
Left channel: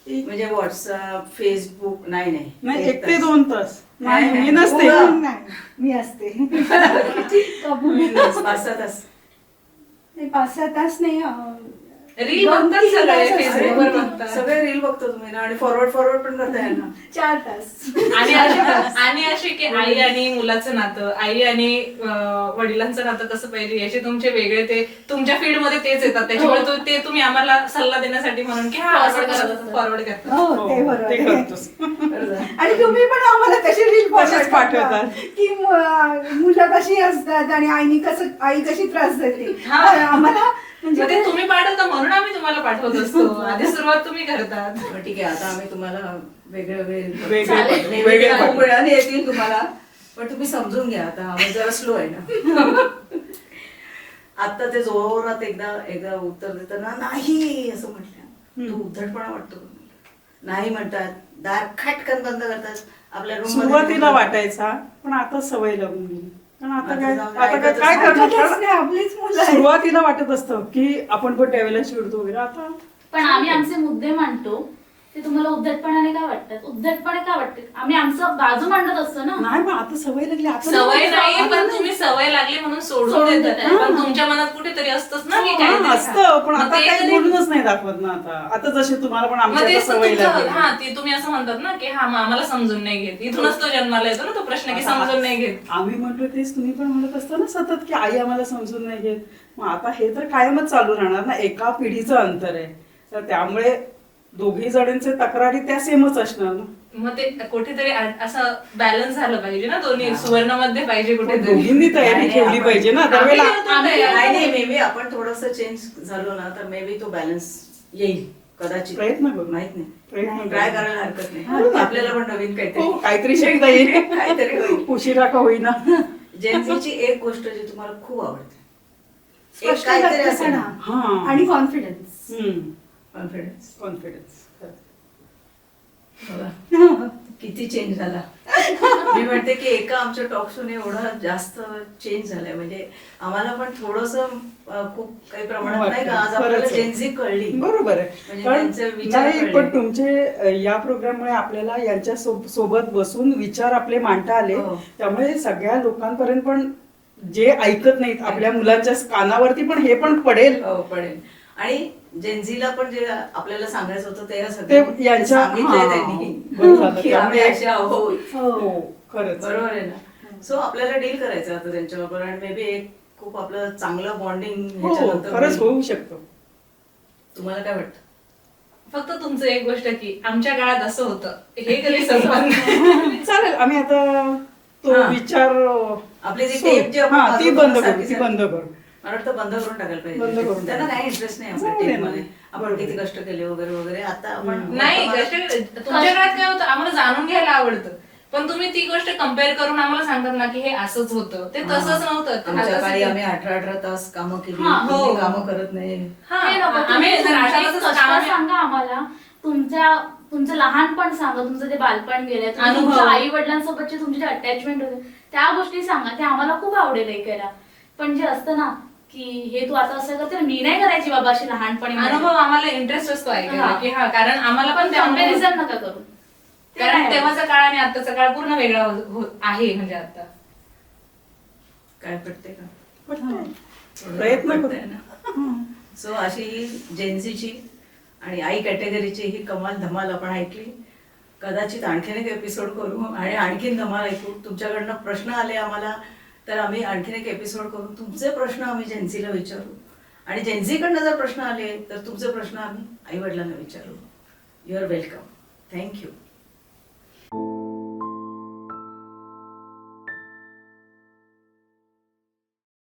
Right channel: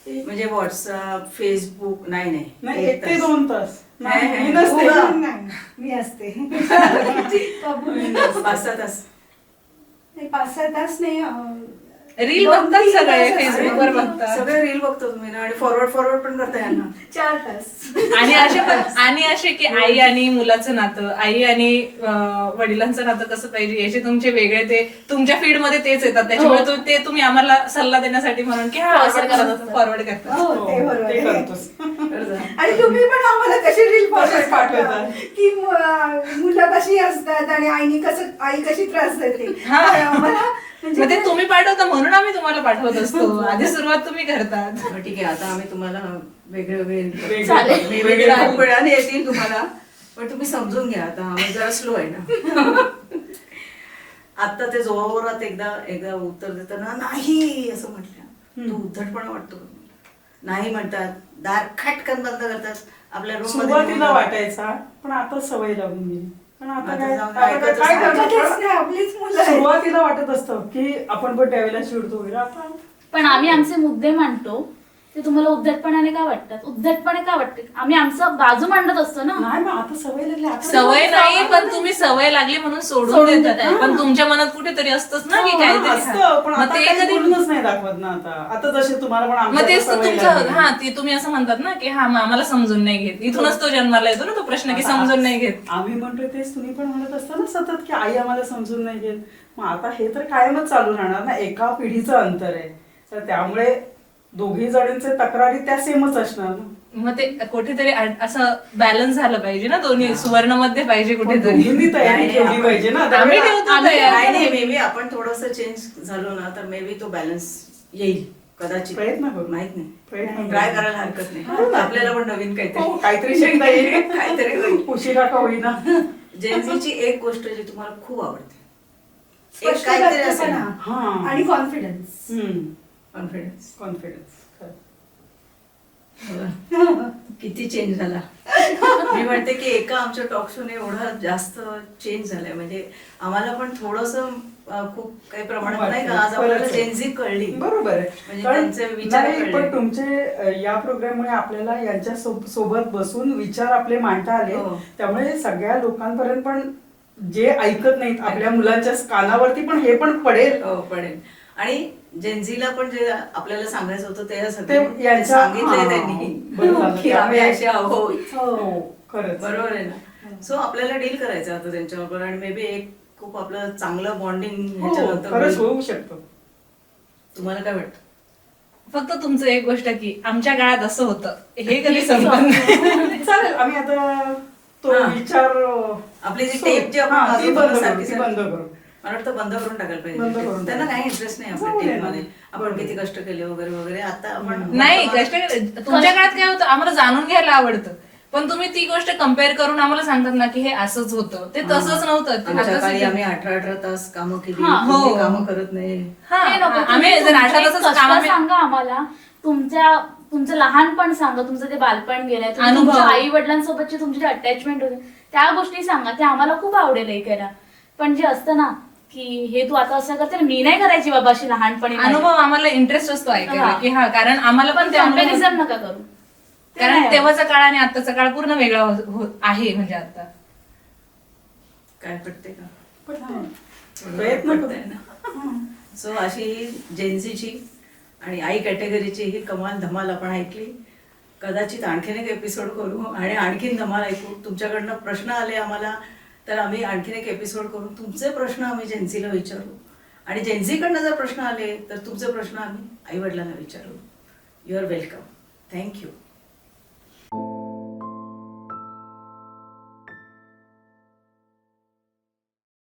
म्हणजे व्हॉट्सअप, फेसबुक? नाही नाही, एक 1 ते तास. 2 तास. नाही, नाही, मी नाही. नसते. हो. नाही, मी असते. किती? 5-6 तास. 5-6 तास नाही. रील 2-3 बघतात सगळे, तास फेसबुकवर असते. बघतात. सगळे रील बघतो तुम्ही ना, आणि फॉरवर्ड पण करता यांना. 4 तास. आणि असे की आई आणि मुलाचं नातं, आई आणि वडिलांचं नातं कसं पाहिजे याचे तुमचे वेगळे, ते तुमच्या फीड मध्ये तेच येतात. त्याच्यामुळे ते तुम्ही आम्हाला सल्ला देण्यासाठी म्हणून की हा असं फॉरवर्ड करतात. हो, ते बरोबर ते आहे. करतोस. आणि तुम्ही पण आम्हाला कसे रील तसेच पाठवतात. की मुलं कशी असतात आणि आई कशी त्रास देते. हा. आम्हाला म्हणजे मग ते तुम्ही पाठवता म्हणून आम्ही तुम्हाला पाठवत असतो. आधी सुरुवात तुम्ही करतात. बरं, ठीक आहे. आता आम्ही तुम्हाला वेगळे वेगळे. चालेल. वेगळे खूप वेळाने येतील तुम्हाला, पण तुम्ही समजून घ्या. आता आम्ही जरा स्लो आहे ना. आता ते जोरात एकदा उत्तर देताना नाही असं म्हटलं, तू उद्धटपणा वाटतो का मला? नाही म्हणतात, दार खटकन बंद करतात, आपल्या रूम सुरुवातीला वाटायचा, पण आता सवय लागून गेली. पण आता आता काय जाऊन आता ऐकतच काय नाही. करणार? नाही, आपलीच मुलं आहेत. सुरुवातीला वाटत असतं की आपण पण त्यावेळेला चिडतो वगैरे. आता पण आम्ही आमचे मुद्दे मांडतो ते तुम्हाला उद्धटपणाने का वाटतात? उद्धटपणे का वाटतात? आम्ही आमचं बाजू मांडत असतो ना. नाही, मग आता सवय लागली. आता सवय नाही, पण तुम्ही सवय लागली म्हणून सोडून सोडून देतात. देताय. पण तुमच्या मनात कुठेतरी असतंच ना की हा, काहीतरी असतं, पण मग आता ते काही कधी- बोलूनच नाही दाखवत ना. आता जसे तुम्हाला पण मग आमच्या तेच तर सवय तुमचं, लागली. हा ते तुम्ही असं म्हणतात ना की हा मग आम्हाला समजून नाही घेत. इथूनच तो जन्माला येतो ना तो प्रश्न की समजून नाही घेत. आम्ही म्हणतो तेच तुम्ही पण म्हणत असता ना सतत की आई आम्हाला समजून नाही घेत. मग आता हे तर कायमच चालू राहणार ना. एका पिढीचं अंतर आहे, तर त्यामुळे दोघी जणांचे तक्रारी त्या सेमच असणार ना. मग ते कुठेतरी असं बॅलन्स झालं पाहिजे ना, दोन्ही सुवर्ण मध्ये पाहिजे पण कुठेतरी. दोघींनी नाही, तयारी नाही, ठेवली आपण- पाहिजे ना. आम्ही त्यावेळेला ठेवतो तयारी. नाही, मे बी आपण थोडस चेंज झालो ना, तर मे बी तो बॅलन्स येईल कदाचित. प्रयत्न करू. माहित नाही, प्रयत्न ट्राय करू. करायला हरकत नाही. आपल्याला पण नवीन हो, काहीतरी काहीतरी शिकता येईल. काहीतरी होईल. उशिरा का होईना. जेनझीची एक गोष्ट जी तुम्हाला खूप आवडते, एक स्पष्ट काहीतरी असेल व्यक्तपणा हा. आणि कॉन्फिडन्स. कॉन्फिडन्स. कॉन्फिडन्स. किती चेंज झाला. मी म्हणते की एका आमच्या टॉक शोने एवढा जास्त चेंज झालाय, म्हणजे आम्हाला पण थोडस खूप काही प्रमाणात नाही का आज आपल्याला खरंच आहे. जेनझी कळली. बरोबर आहे. म्हणजे कारण त्यांचे विचार नाही, कळले. पण तुमचे या प्रोग्राममुळे आपल्याला यांच्या सोबत बसून विचार आपले मांडता आले. हो. त्यामुळे सगळ्या लोकांपर्यंत पण जे ऐकत नाहीत आपल्या मुलांच्या कानावरती पण हे पण पडेल. हो, पडेल. आणि जेनझीला पण जे आपल्याला सांगायचं होतं ते ते सगळं यांच्या- सांगितलंय हा, त्यांनी बरं झालं. की आम्ही असे आहोत. हो, खरंच. बरोबर आहे ना. सो आपल्याला डील करायचं आता त्यांच्याबरोबर, आणि मे बी एक खूप आपलं चांगलं बॉन्डिंग हो, ह्याच्यानंतर खरंच होईल. होऊ शकतो. तुम्हाला काय वाटतं? फक्त तुमचं एक गोष्ट की आमच्या काळात असं होतं हे कधी संपणार नाही. चालेल, आम्ही आता तो हा. विचार आपली जी सो- टेप जी आपण हा, ती वाजवतो बंद ना करू, सारखी ती सारखी. बंद करू. मला वाटतं बंद करून टाकायला बंद पाहिजे. करून त्यांना टाका. काही इंटरेस्ट नाही आपल्या जाऊ दे टेप ना. मध्ये. आपण बरोबर. किती कष्ट केले वगैरे वगैरे. आता आपण नाही कष्ट तुमच्या काळात काय होतं आम्हाला जाणून घ्यायला आवडतं, पण तुम्ही ती गोष्ट कम्पेअर करून आम्हाला सांगतात ना की हे असंच होतं, ते तसंच नव्हतं. ते आमच्या आता काळी सगळं- आम्ही 18 तास कामं केली, हा, तुम्ही हो. कामं करत नाही. हा, हे नको, आम्ही तुम्ही जर तुमचे आठवलं कष्ट काम सांगा आम्हाला. तुमचं लहानपण सांगा, तुमचं ते बालपण गेलंय, अनुभव. तुमच्या आई वडिलांसोबतची तुमची अटॅचमेंट होते, त्या गोष्टी सांगा. ते आम्हाला खूप आवडेल ऐकायला. पण जे असतं ना की हे तू आता असं करते ना, मी नाही करायची बाबा अशी लहानपणी. अनुभव आम्हाला इंटरेस्ट असतो ऐकायला हा. की हा, कारण आम्हाला पण ते अनुभव- कम्पॅरिझन नका करू. ते कारण नाही तेव्हाचा काळ आणि आताचा काळ पूर्ण वेगळा आहे म्हणजे आता. काय पटते का? प्रयत्न पटतंय ना. सो अशी जेन्झीची आणि आई कॅटेगरीची ही कमाल धमाल आपण ऐकली. कदाचित आणखीन एक एपिसोड करू आणि आणखीन धमाल ऐकू. तुमच्याकडनं प्रश्न आले आम्हाला तर आम्ही आणखीन एक एपिसोड करू. तुमचे प्रश्न आम्ही जेन्झीला विचारू आणि जेन्झीकडनं जर प्रश्न आले तर तुमचे प्रश्न आम्ही आईवडिलांना विचारू. You are welcome. थँक्यू.